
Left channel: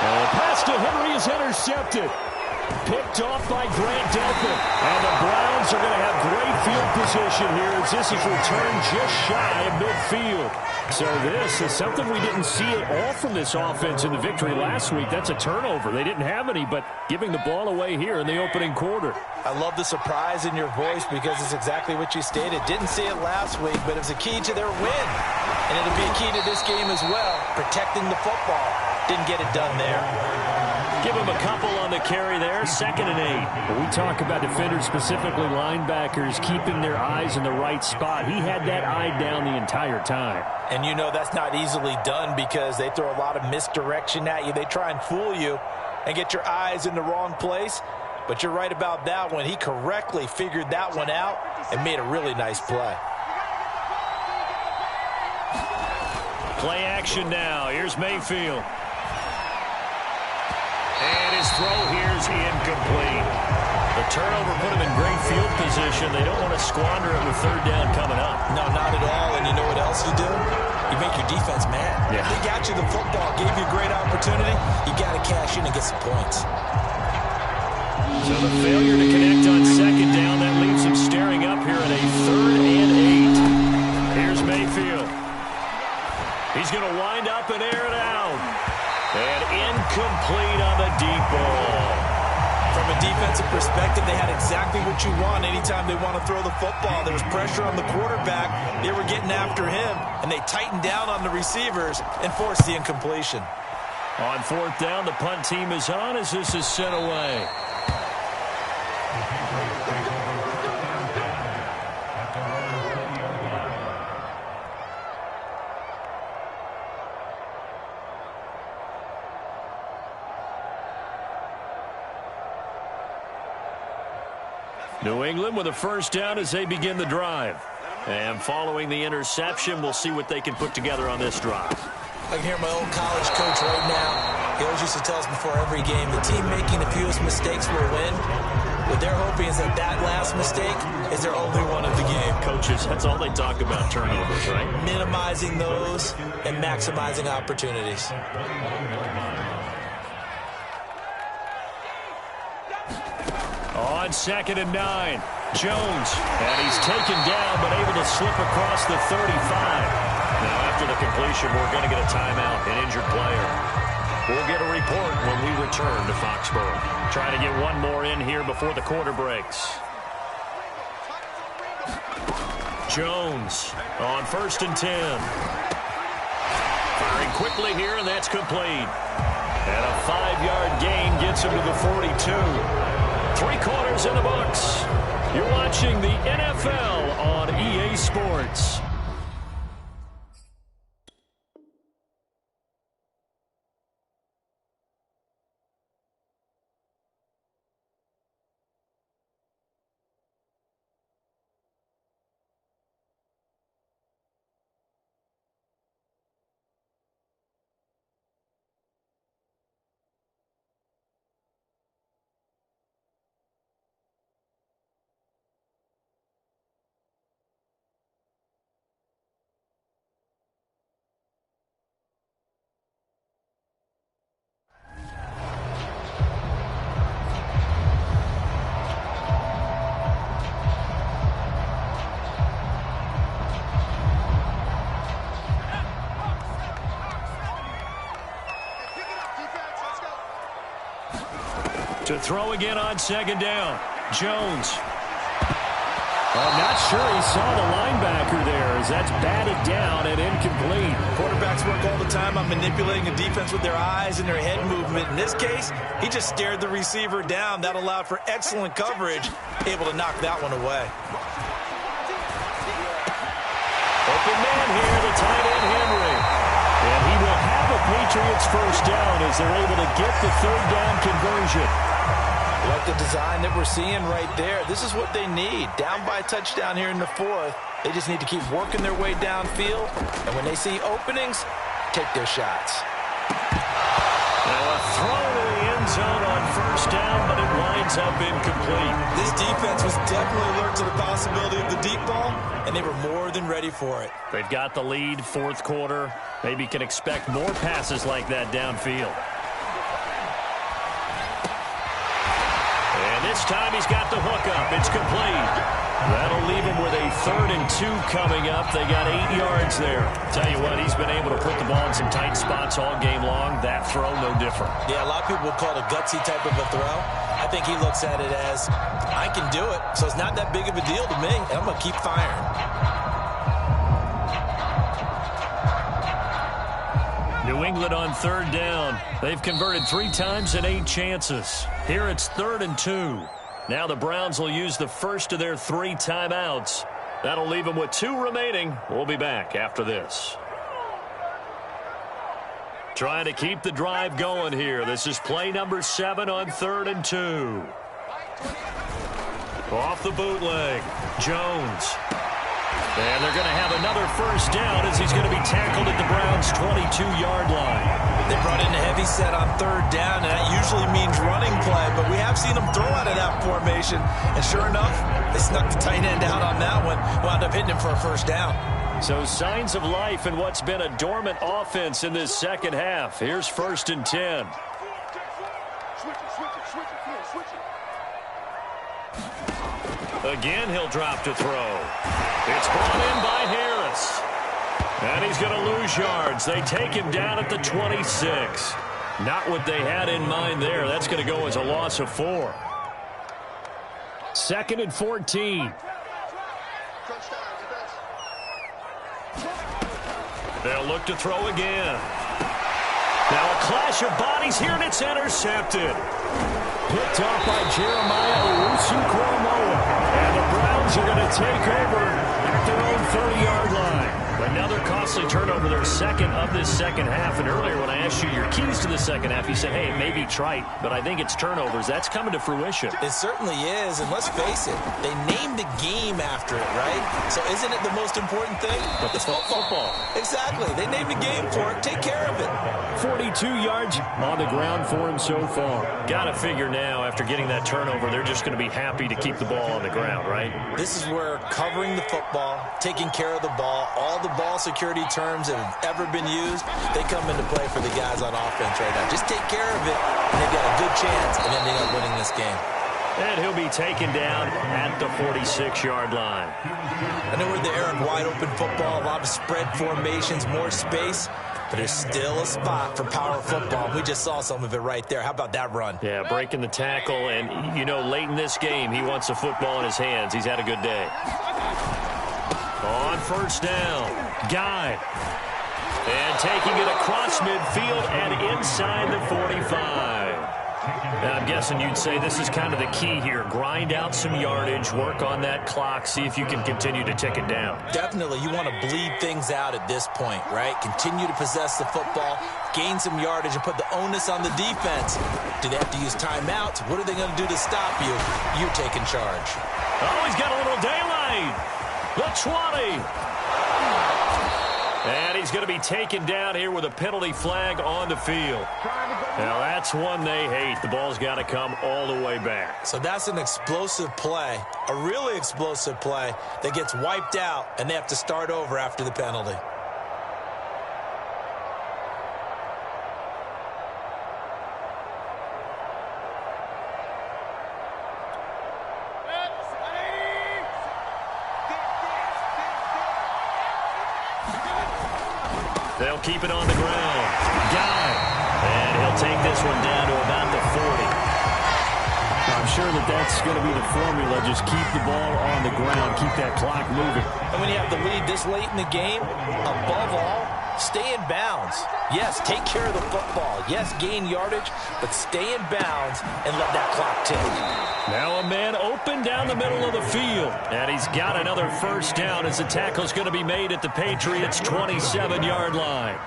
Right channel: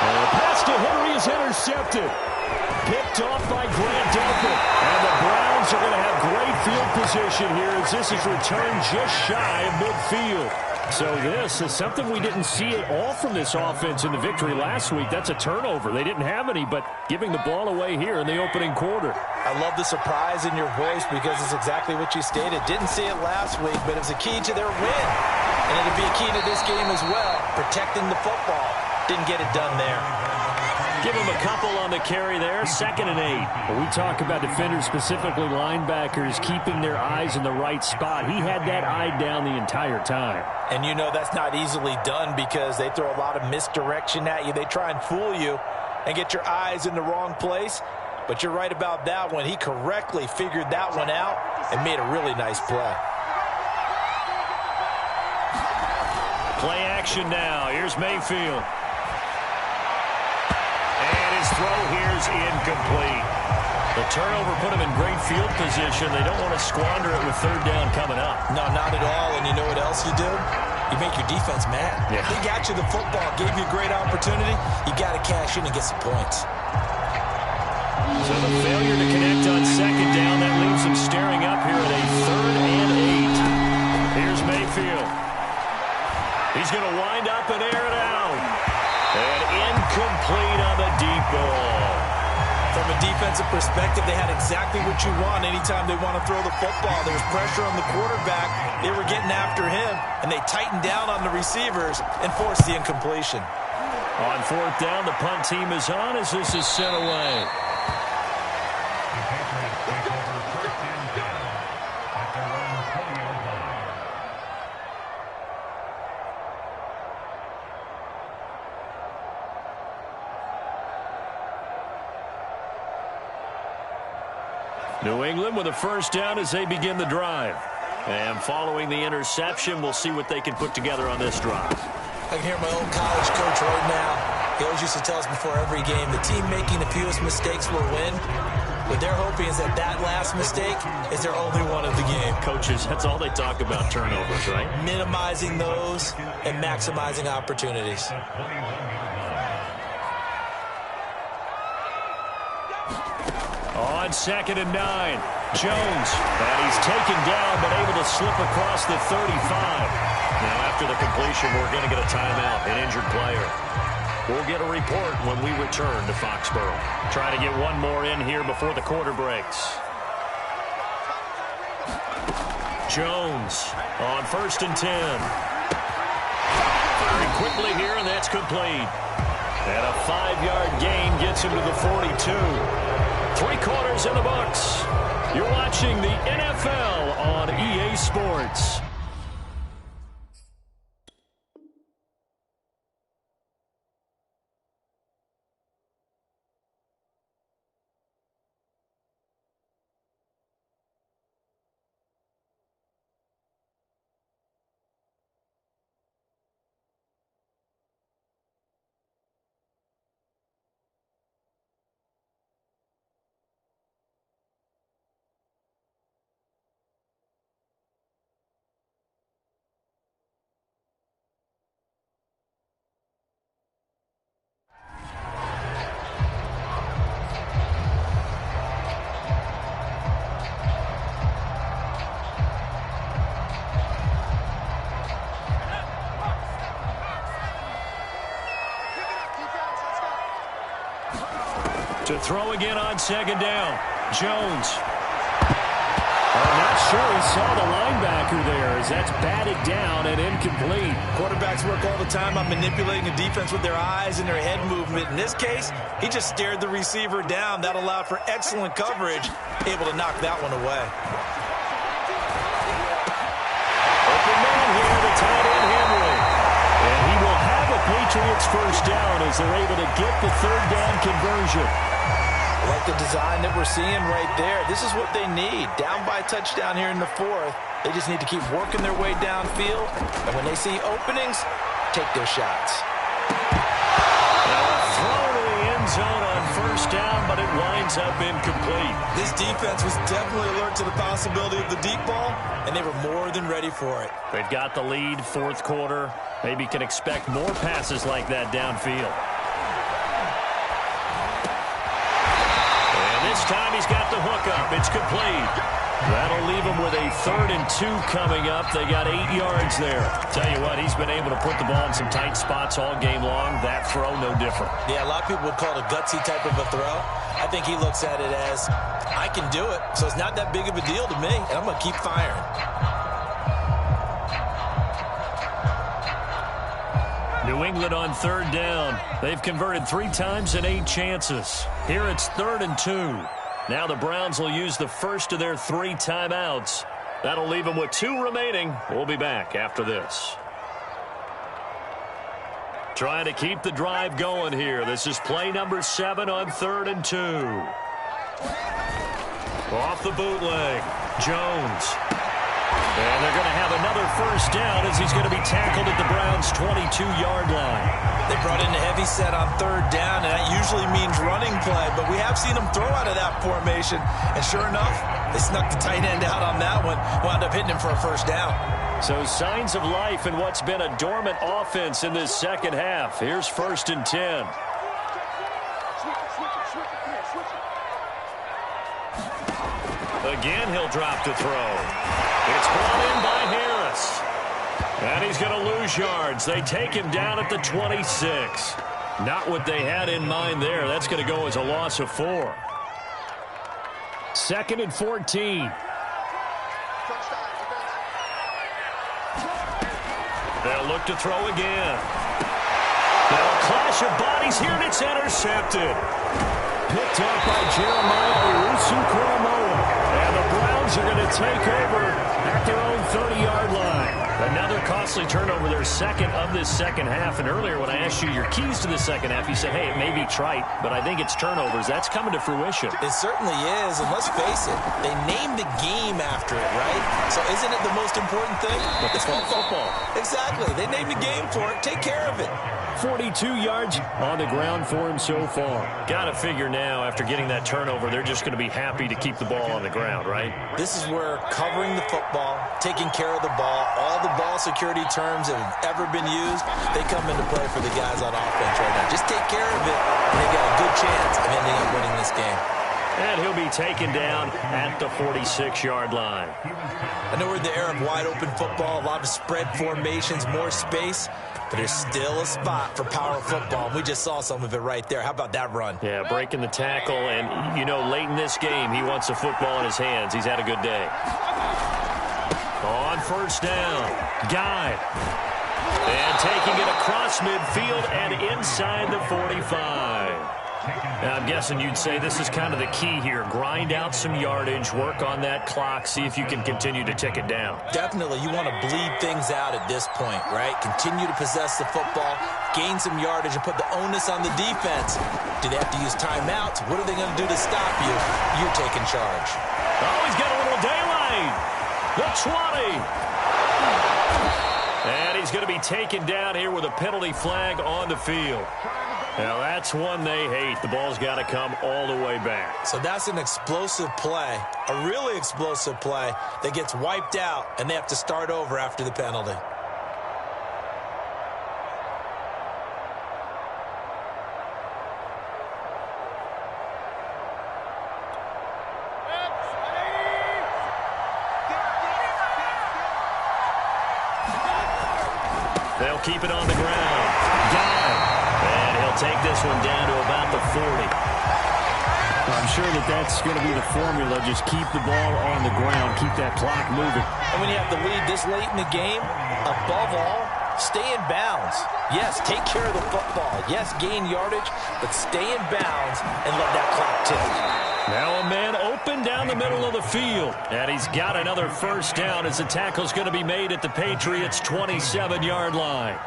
And the pass to Henry is intercepted. Picked off by Grant Delphin. And the Browns are going to have great field position here as this is returned just shy of midfield. So this is something we didn't see at all from this offense in the victory last week. That's a turnover. They didn't have any, but giving the ball away here in the opening quarter. I love the surprise in your voice because it's exactly what you stated. Didn't see it last week, but it was a key to their win. And it'll be a key to this game as well, protecting the football. Didn't get it done there. Give him a couple on the carry there, 2nd and 8. When we talk about defenders, specifically linebackers, keeping their eyes in the right spot. He had that eye down the entire time. And you know that's not easily done because they throw a lot of misdirection at you. They try and fool you and get your eyes in the wrong place. But you're right about that one. He correctly figured that one out and made a really nice play. Play action now. Here's Mayfield. And his throw here's incomplete. The turnover put him in great field position. They don't want to squander it with 3rd down coming up. No, not at all. And you know what else you do? You make your defense mad. Yeah. They got you the football, gave you a great opportunity. You got to cash in and get some points. So the failure to connect on 2nd down, that leaves him staring up here at a 3rd and 8. Here's Mayfield. He's going to wind up and air it out. And incomplete on the deep ball. From a defensive perspective, they had exactly what you want anytime they want to throw the football. There was pressure on the quarterback. They were getting after him, and they tightened down on the receivers and forced the incompletion. On 4th down, the punt team is on as this is sent away. New England with a 1st down as they begin the drive. And following the interception, we'll see what they can put together on this drive. I can hear my old college coach right now. He always used to tell us before every game, the team making the fewest mistakes will win. What they're hoping is that that last mistake is their only one of the game. Coaches, that's all they talk about, turnovers, right? Minimizing those and maximizing opportunities. On 2nd and 9, Jones. And he's taken down, but able to slip across the 35. Now, after the completion, we're going to get a timeout, an injured player. We'll get a report when we return to Foxborough. Trying to get one more in here before the quarter breaks. Jones on 1st and 10. Firing quickly here, and that's complete. And a 5-yard gain gets him to the 42. 3 quarters in the books. You're watching the NFL on EA Sports. To throw again on 2nd down. Jones. I'm not sure he saw the linebacker there as that's batted down and incomplete. Quarterbacks work all the time on manipulating a defense with their eyes and their head movement. In this case, he just stared the receiver down. That allowed for excellent coverage, able to knock that one away. Open man here, the tight end Henry. And he will have a Patriots 1st down as they're able to get the 3rd down conversion. I like the design that we're seeing right there. This is what they need. Down by a touchdown here in the 4th. They just need to keep working their way downfield. And when they see openings, take their shots. Now a throw to the end zone on 1st down, but it winds up incomplete. This defense was definitely alert to the possibility of the deep ball, and they were more than ready for it. They've got the lead, 4th quarter. Maybe can expect more passes like that downfield. And this time he's got the hook up. It's complete. That'll leave him with a 3rd and 2 coming up. They got 8 yards there. Tell you what, he's been able to put the ball in some tight spots all game long. That throw, no different. Yeah, a lot of people would call it a gutsy type of a throw. I think he looks at it as, I can do it, so it's not that big of a deal to me, and I'm going to keep firing. New England on 3rd down. They've converted 3 times in 8 chances. Here it's 3rd and 2. Now the Browns will use the first of their 3 timeouts. That'll leave them with 2 remaining. We'll be back after this. Trying to keep the drive going here. This is play number 7 on 3rd and 2. Off the bootleg. Jones. And they're going to have another first down as he's going to be tackled at the Browns' 22-yard line. They brought in a heavy set on 3rd down, and that usually means running play. But we have seen them throw out of that formation. And sure enough, they snuck the tight end out on that one. Wound up hitting him for a first down. So signs of life in what's been a dormant offense in this second half. Here's 1st and 10. Again, he'll drop to throw. It's brought in by Harris. And he's going to lose yards. They take him down at the 26. Not what they had in mind there. That's going to go as a loss of 4. 2nd and 14. They'll look to throw again. Now a clash of bodies here, and it's intercepted. Picked off by Jeremiah Owusu-Koramoah. And the Browns are going to take over at their own 30-yard line. Another costly turnover, their 2nd of this second half. And earlier when I asked you your keys to the second half, you said, hey, it may be trite, but I think it's turnovers. That's coming to fruition. It certainly is, and let's face it, they named the game after it, right? So isn't it the most important thing? But it's football. Exactly. They named the game for it. Take care of it. 42 yards on the ground for him so far. Got to figure now, after getting that turnover, they're just going to be happy to keep the ball on the ground, right? This is where covering the football, taking care of the ball, all the ball security terms that have ever been used, they come into play for the guys on offense right now. Just take care of it, and they've got a good chance of ending up winning this game. And he'll be taken down at the 46-yard line. I know we're in the era of wide-open football, a lot of spread formations, more space, but there's still a spot for power football, and we just saw some of it right there. How about that run? Yeah, breaking the tackle, and, you know, late in this game, he wants the football in his hands. He's had a good day. On 1st down, Guy. And taking it across midfield and inside the 45. Now, I'm guessing you'd say this is kind of the key here. Grind out some yardage, work on that clock, see if you can continue to tick it down. Definitely. You want to bleed things out at this point, right? Continue to possess the football, gain some yardage, and put the onus on the defense. Do they have to use timeouts? What are they going to do to stop you? You're taking charge. Oh, he's got a little daylight. The 20. And he's going to be taken down here with a penalty flag on the field. Now, that's one they hate. The ball's got to come all the way back. So that's an explosive play, a really explosive play that gets wiped out, and they have to start over after the penalty. They'll keep it on the ground. Guy. And he'll take this one down to about the 40. I'm sure that's going to be the formula. Just keep the ball on the ground. Keep that clock moving. And when you have the lead this late in the game, above all, stay in bounds. Yes, take care of the football. Yes, gain yardage, but stay in bounds and let that clock tick. Now a man open down the middle of the field. And he's got another first down as the tackle's going to be made at the Patriots' 27-yard line.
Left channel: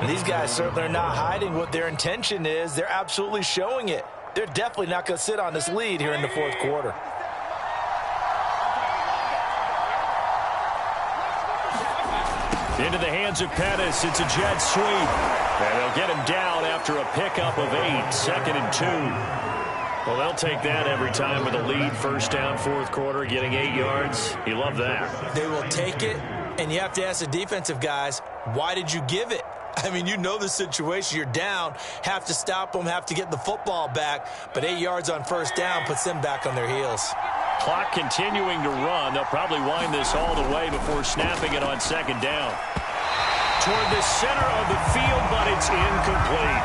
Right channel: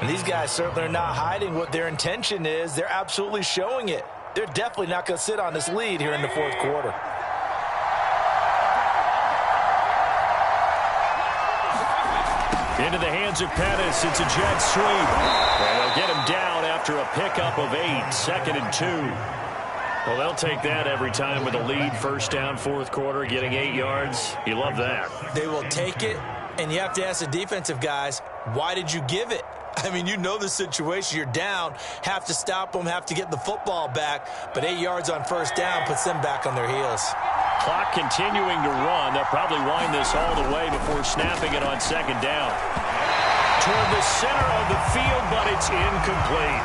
And these guys certainly are not hiding what their intention is. They're absolutely showing it. They're definitely not going to sit on this lead here in the 4th quarter. Into the hands of Pettis. It's a jet sweep. And they'll get him down after a pickup of 8. 2nd and 2. Well, they'll take that every time with a lead. First down, 4th quarter, getting 8 yards. You love that. They will take it, and you have to ask the defensive guys, why did you give it? I mean, you know the situation. You're down, have to stop them, have to get the football back, but 8 yards on first down puts them back on their heels. Clock continuing to run. They'll probably wind this all the way before snapping it on second down. Toward the center of the field, but it's incomplete.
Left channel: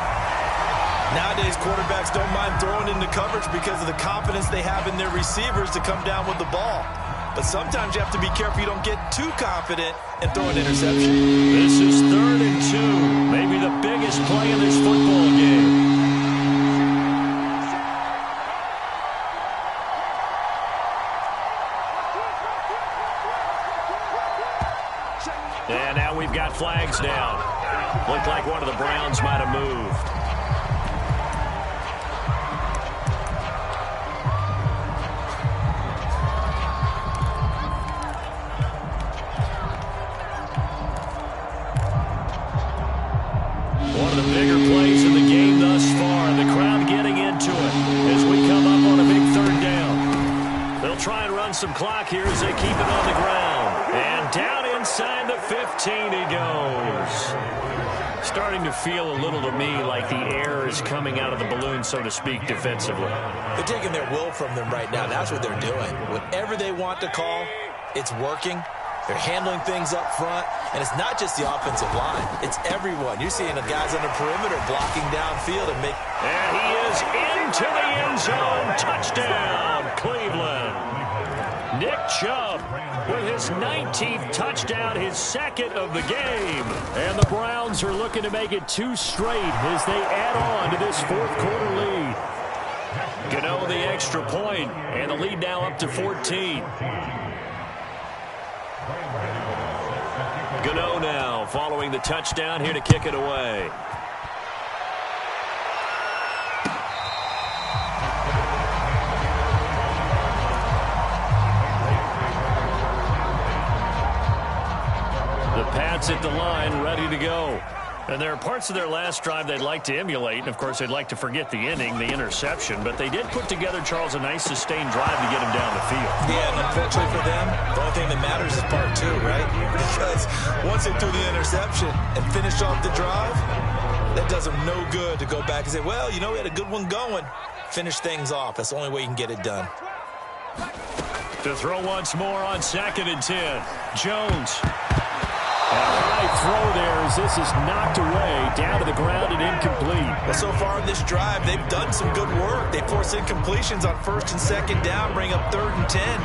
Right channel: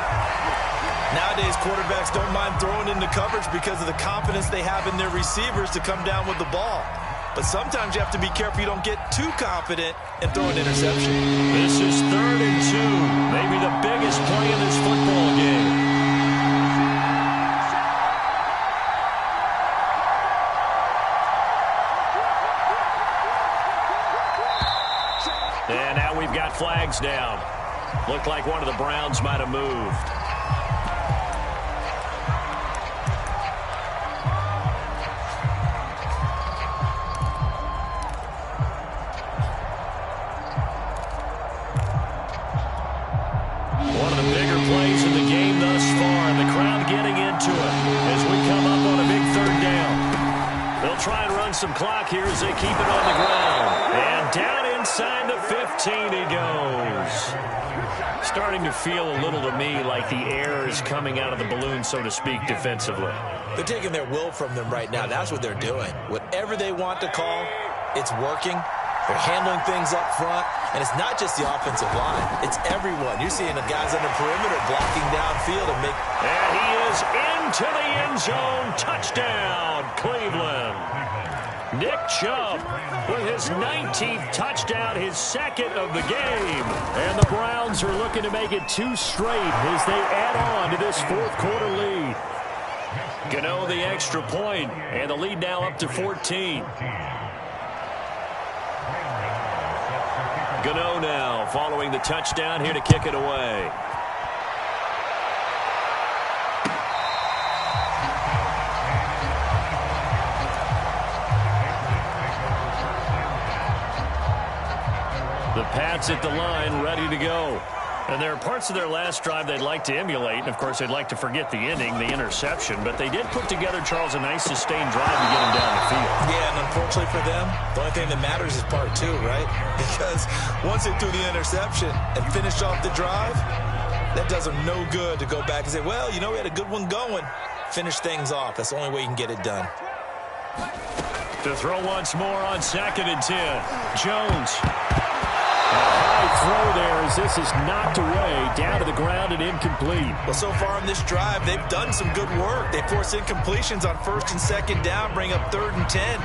Nowadays, quarterbacks don't mind throwing into coverage because of the confidence they have in their receivers to come down with the ball. But sometimes you have to be careful you don't get too confident and throw an interception. This is 3rd and 2. Maybe the biggest play in this football game. And now we've got flags down. Looked like one of the Browns might have moved. One of the bigger plays in the game thus far, and the crowd getting into it as we come up on a big 3rd down. They'll try and run some clock here as they keep it on the ground. And down inside the 15 he goes. Starting to feel a little to me like the air is coming out of the balloon, so to speak, defensively. They're taking their will from them right now. That's what they're doing. Whatever they want to call, it's working. They're handling things up front, and it's not just the offensive line. It's everyone. You're seeing the guys on the perimeter blocking downfield and make... And he is into the end zone. Touchdown, Cleveland. Nick Chubb with his 19th touchdown, his 2nd of the game. And the Browns are looking to make it 2 straight as they add on to this 4th quarter lead. Gano the extra point, and the lead now up to 14. Gano now following the touchdown here to kick it away. The Pats at the line ready to go. And there are parts of their last drive they'd like to emulate. And, of course, they'd like to forget the inning, the interception. But they did put together, Charles, a nice sustained drive to get him down the field. Yeah, and unfortunately for them, the only thing that matters is part 2, right? Because once they threw the interception and finished off the drive, that does them no good to go back and say, well, you know, we had a good one going. Finish things off. That's the only way you can get it done. To throw once more on 2nd and 10. Jones. And a high throw there as this is knocked away, down to the ground and incomplete. Well, so far in this drive, they've done some good work. They force incompletions on 1st and 2nd down, bring up 3rd and 10.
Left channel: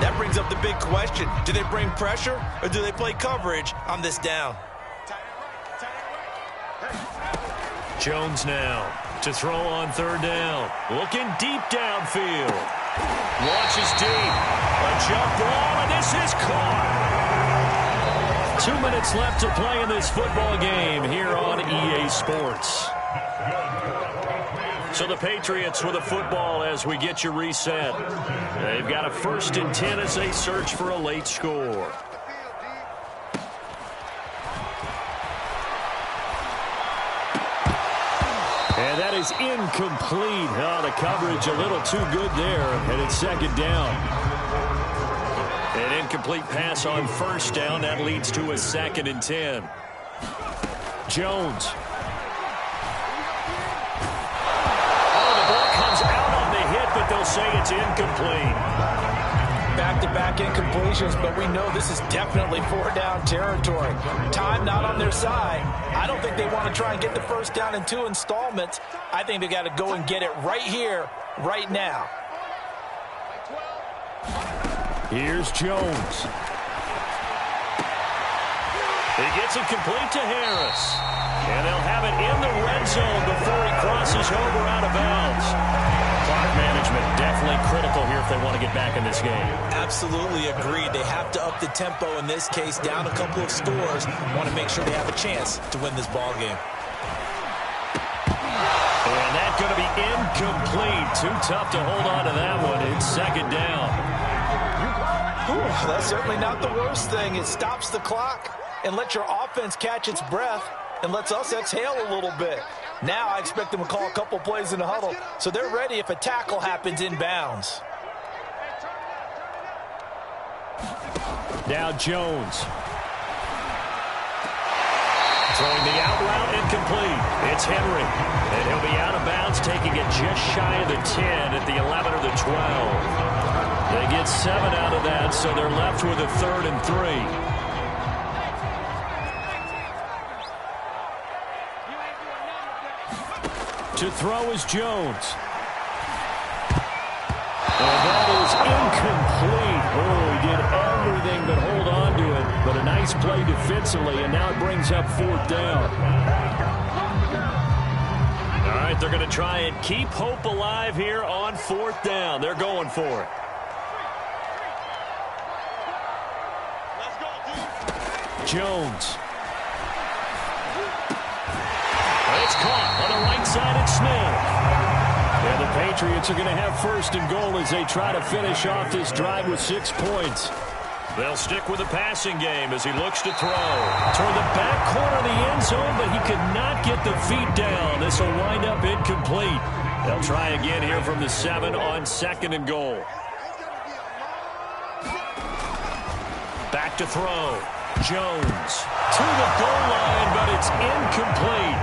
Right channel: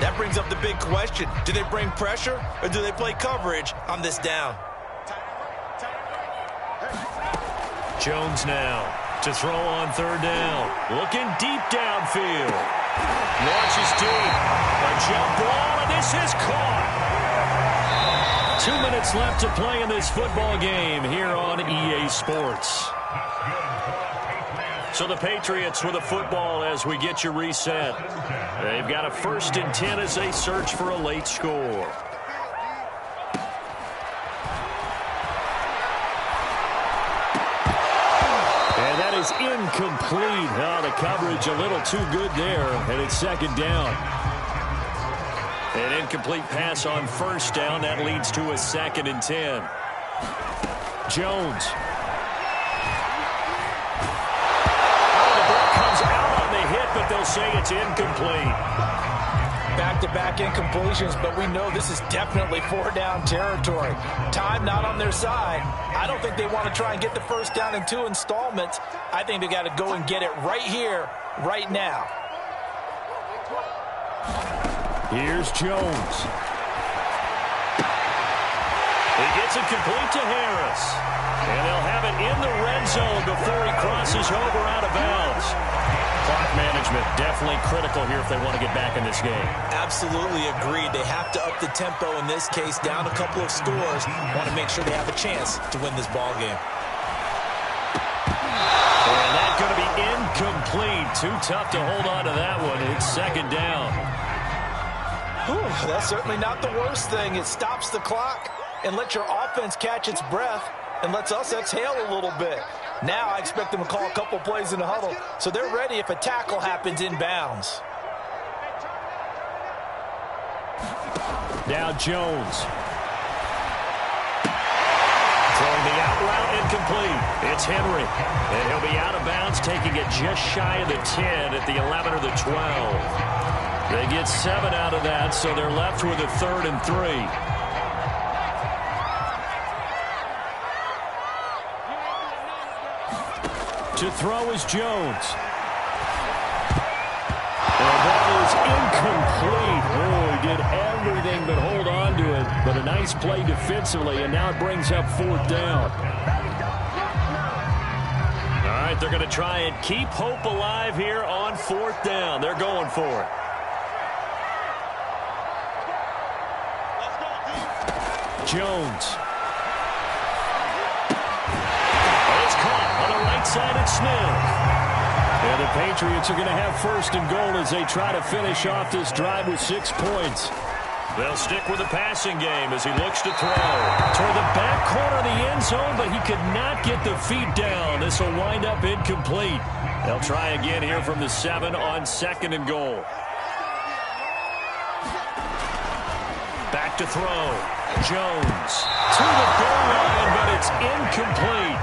That brings up the big question. Do they bring pressure or do they play coverage on this down? Jones now to throw on 3rd down. Looking deep downfield. Launches deep. A jump ball, and this is caught. 2 minutes left to play in this football game here on EA Sports. So the Patriots with a football as we get you reset. They've got a 1st and 10 as they search for a late score. And that is incomplete. Oh, the coverage a little too good there, and it's 2nd down. An incomplete pass on 1st down. That leads to a 2nd and 10. Jones. Oh, the ball comes out on the hit, but they'll say it's incomplete. Back-to-back incompletions, but we know this is definitely 4-down territory. Time not on their side. I don't think they want to try and get the 1st down in 2 installments. I think they got to go and get it right here, right now. Here's Jones. He gets it complete to Harris. And they'll have it in the red zone before he crosses over out of bounds. Clock management definitely critical here if they want to get back in this game. Absolutely agreed. They have to up the tempo in this case, down a couple of scores. Want to make sure they have a chance to win this ball game. And that's going to be incomplete. Too tough to hold on to that one. It's 2nd down. Whew, that's certainly not the worst thing. It stops the clock and lets your offense catch its breath and lets us exhale a little bit. Now I expect them to call a couple plays in the huddle, so they're ready if a tackle happens inbounds. Now Jones. Throwing the out route incomplete. It's Henry. And he'll be out of bounds, taking it just shy of the 10 at the 11 or the 12. They get 7 out of that, so they're left with a 3rd and 3. To throw is Jones. And that is incomplete. Oh, he did everything but hold on to it. But a nice play defensively, and now it brings up 4th down. All right, they're going to try and keep hope alive here on 4th down. They're going for it. Jones. It's caught on the right side at Smith. Yeah, the Patriots are going to have 1st and goal as they try to finish off this drive with 6 points. They'll stick with the passing game as he looks to throw. Toward the back corner of the end zone, but he could not get the feet down. This will wind up incomplete. They'll try again here from the 7 on 2nd and goal. Back to throw. Jones to the goal line, but it's incomplete.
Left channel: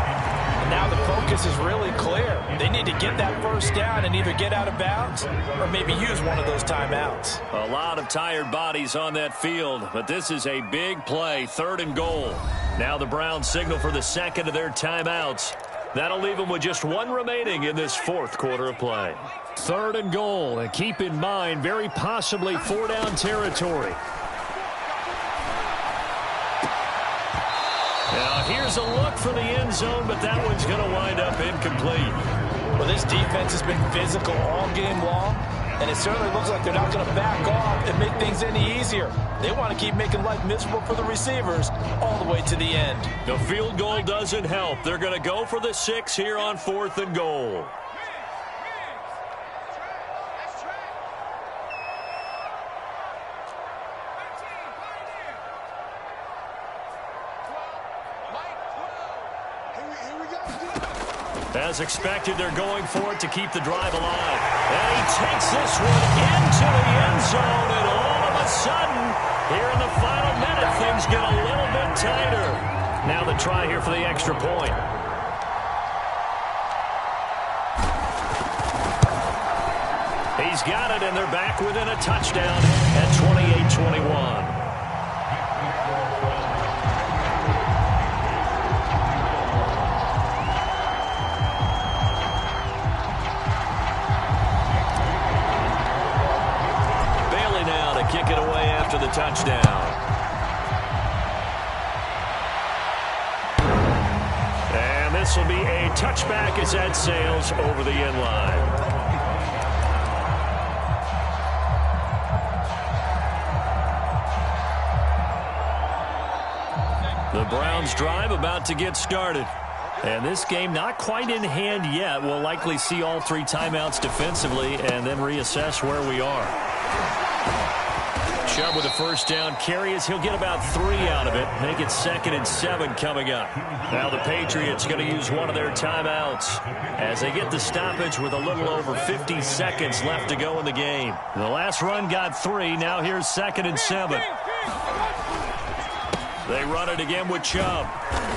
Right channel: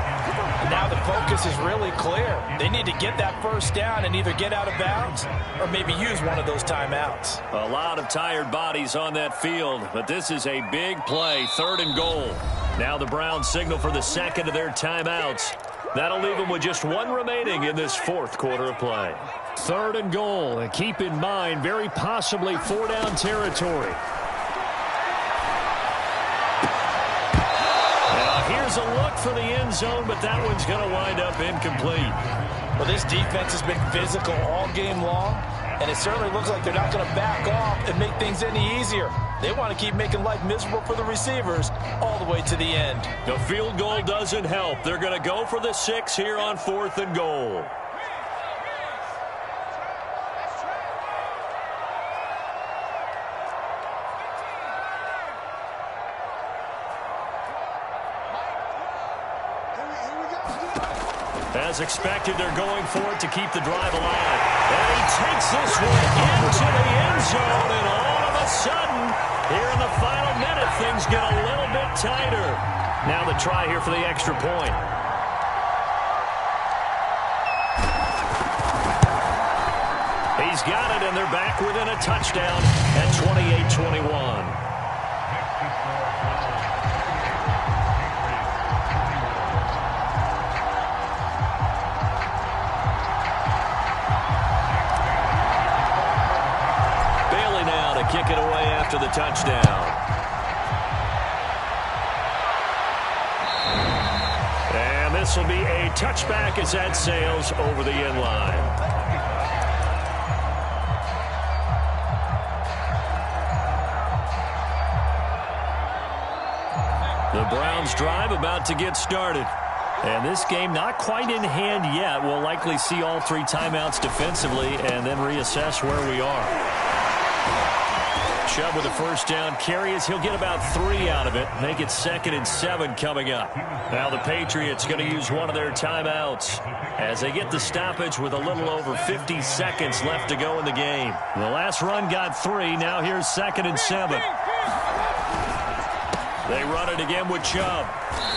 And now the focus is really clear. They need to get that 1st down and either get out of bounds or maybe use one of those timeouts. A lot of tired bodies on that field, but this is a big play, 3rd and goal. Now the Browns signal for the 2nd of their timeouts. That'll leave them with just 1 remaining in this 4th quarter of play. 3rd and goal, and keep in mind, very possibly 4-down territory. Here's a look for the end zone, but that one's going to wind up incomplete. Well, this defense has been physical all game long, and it certainly looks like they're not going to back off and make things any easier. They want to keep making life miserable for the receivers all the way to the end. The field goal doesn't help. They're going to go for the 6 here on 4th and goal. As expected, they're going for it to keep the drive alive. And he takes this one into the end zone, and all of a sudden, here in the final minute, things get a little bit tighter. Now the try here for the extra point. He's got it, and they're back within a touchdown at 28-21. Now to kick it away after the touchdown. And this will be a touchback as that sails over the end line. The Browns drive about to get started. And this game not quite in hand yet. We'll likely see all 3 timeouts defensively and then reassess where we are. Chubb with a 1st down carry as he'll get about 3 out of it. Make it 2nd and 7 coming up. Now the Patriots going to use one of their timeouts as they get the stoppage with a little over 50 seconds left to go in the game. The last run got 3. Now here's 2nd and 7. They run it again with Chubb.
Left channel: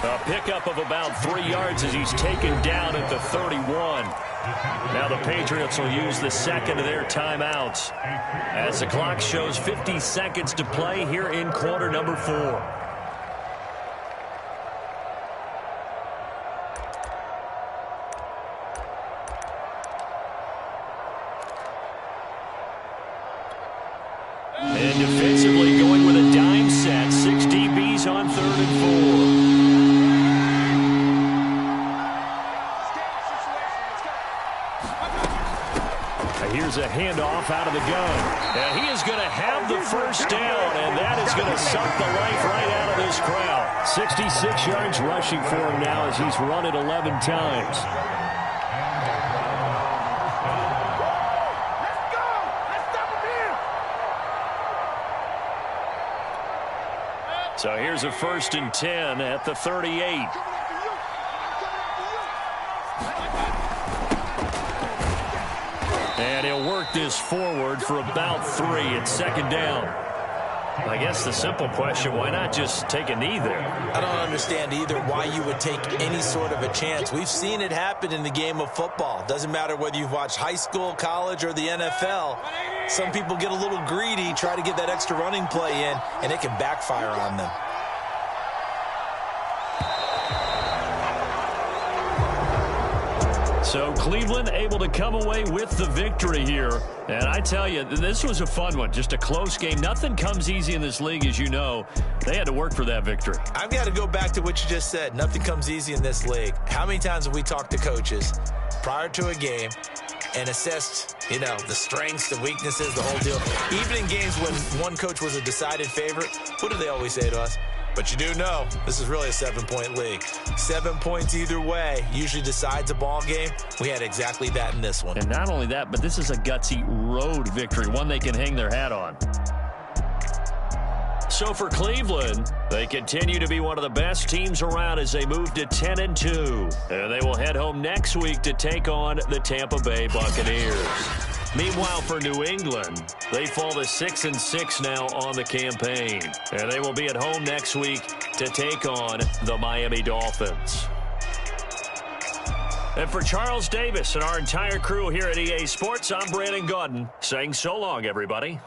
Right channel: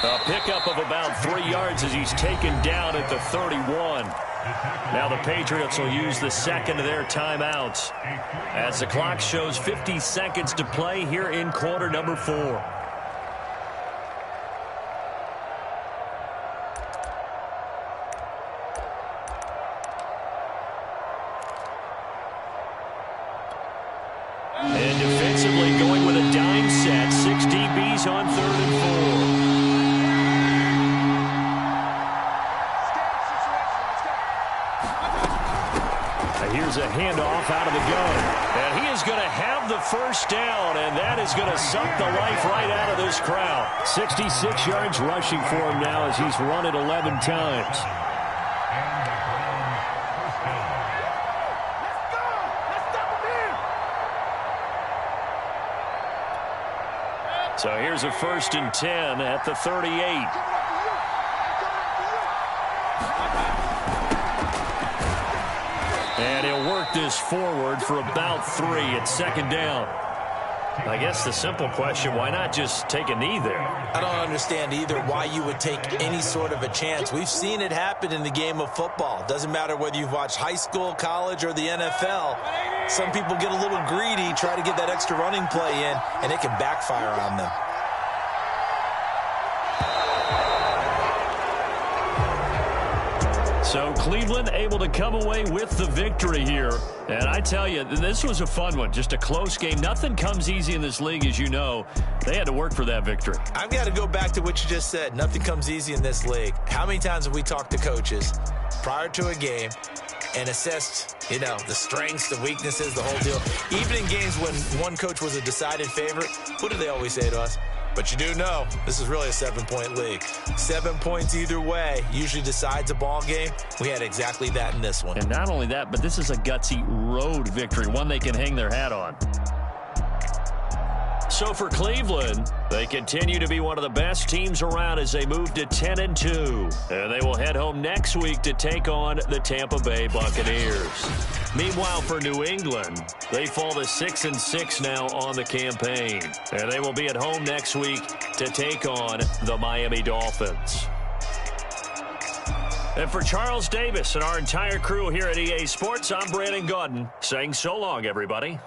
A pickup of about 3 yards as he's taken down at the 31. Now the Patriots will use the 2nd of their timeouts as the clock shows 50 seconds to play here in quarter number 4. And defensively going with a dime set, 6 DBs on 3rd and 4. Here's a handoff out of the gun. And he is going to have the 1st down, and that is going to suck the life right out of this crowd. 66 yards rushing for him now as he's run it 11 times. Let's go! Let's stop him here! So here's a 1st and 10 at the 38. And he'll work this forward for about 3 at 2nd down. I guess the simple question, why not just take a knee there? I don't understand either why you would take any sort of a chance. We've seen it happen in the game of football. Doesn't matter whether you've watched high school, college, or the NFL. Some people get a little greedy, try to get that extra running play in, and it can backfire on them. So Cleveland able to come away with the victory here. And I tell you, this was a fun one. Just a close game. Nothing comes easy in this league, as you know. They had to work for that victory. I've got to go back to what you just said. Nothing comes easy in this league. How many times have we talked to coaches prior to a game and assessed, you know, the strengths, the weaknesses, the whole deal? Even in games when one coach was a decided favorite, what do they always say to us? But you do know this is really a 7-point league. 7 points either way usually decides a ball game. We had exactly that in this one. And not only that, but this is a gutsy road victory, one they can hang their hat on. So for Cleveland, they continue to be one of the best teams around as they move to 10-2. And they will head home next week to take on the Tampa Bay Buccaneers. Meanwhile, for New England, they fall to 6-6 now on the campaign. And they will be at home next week to take on the Miami Dolphins. And for Charles Davis and our entire crew here at EA Sports, I'm Brandon Gaudin saying so long, everybody.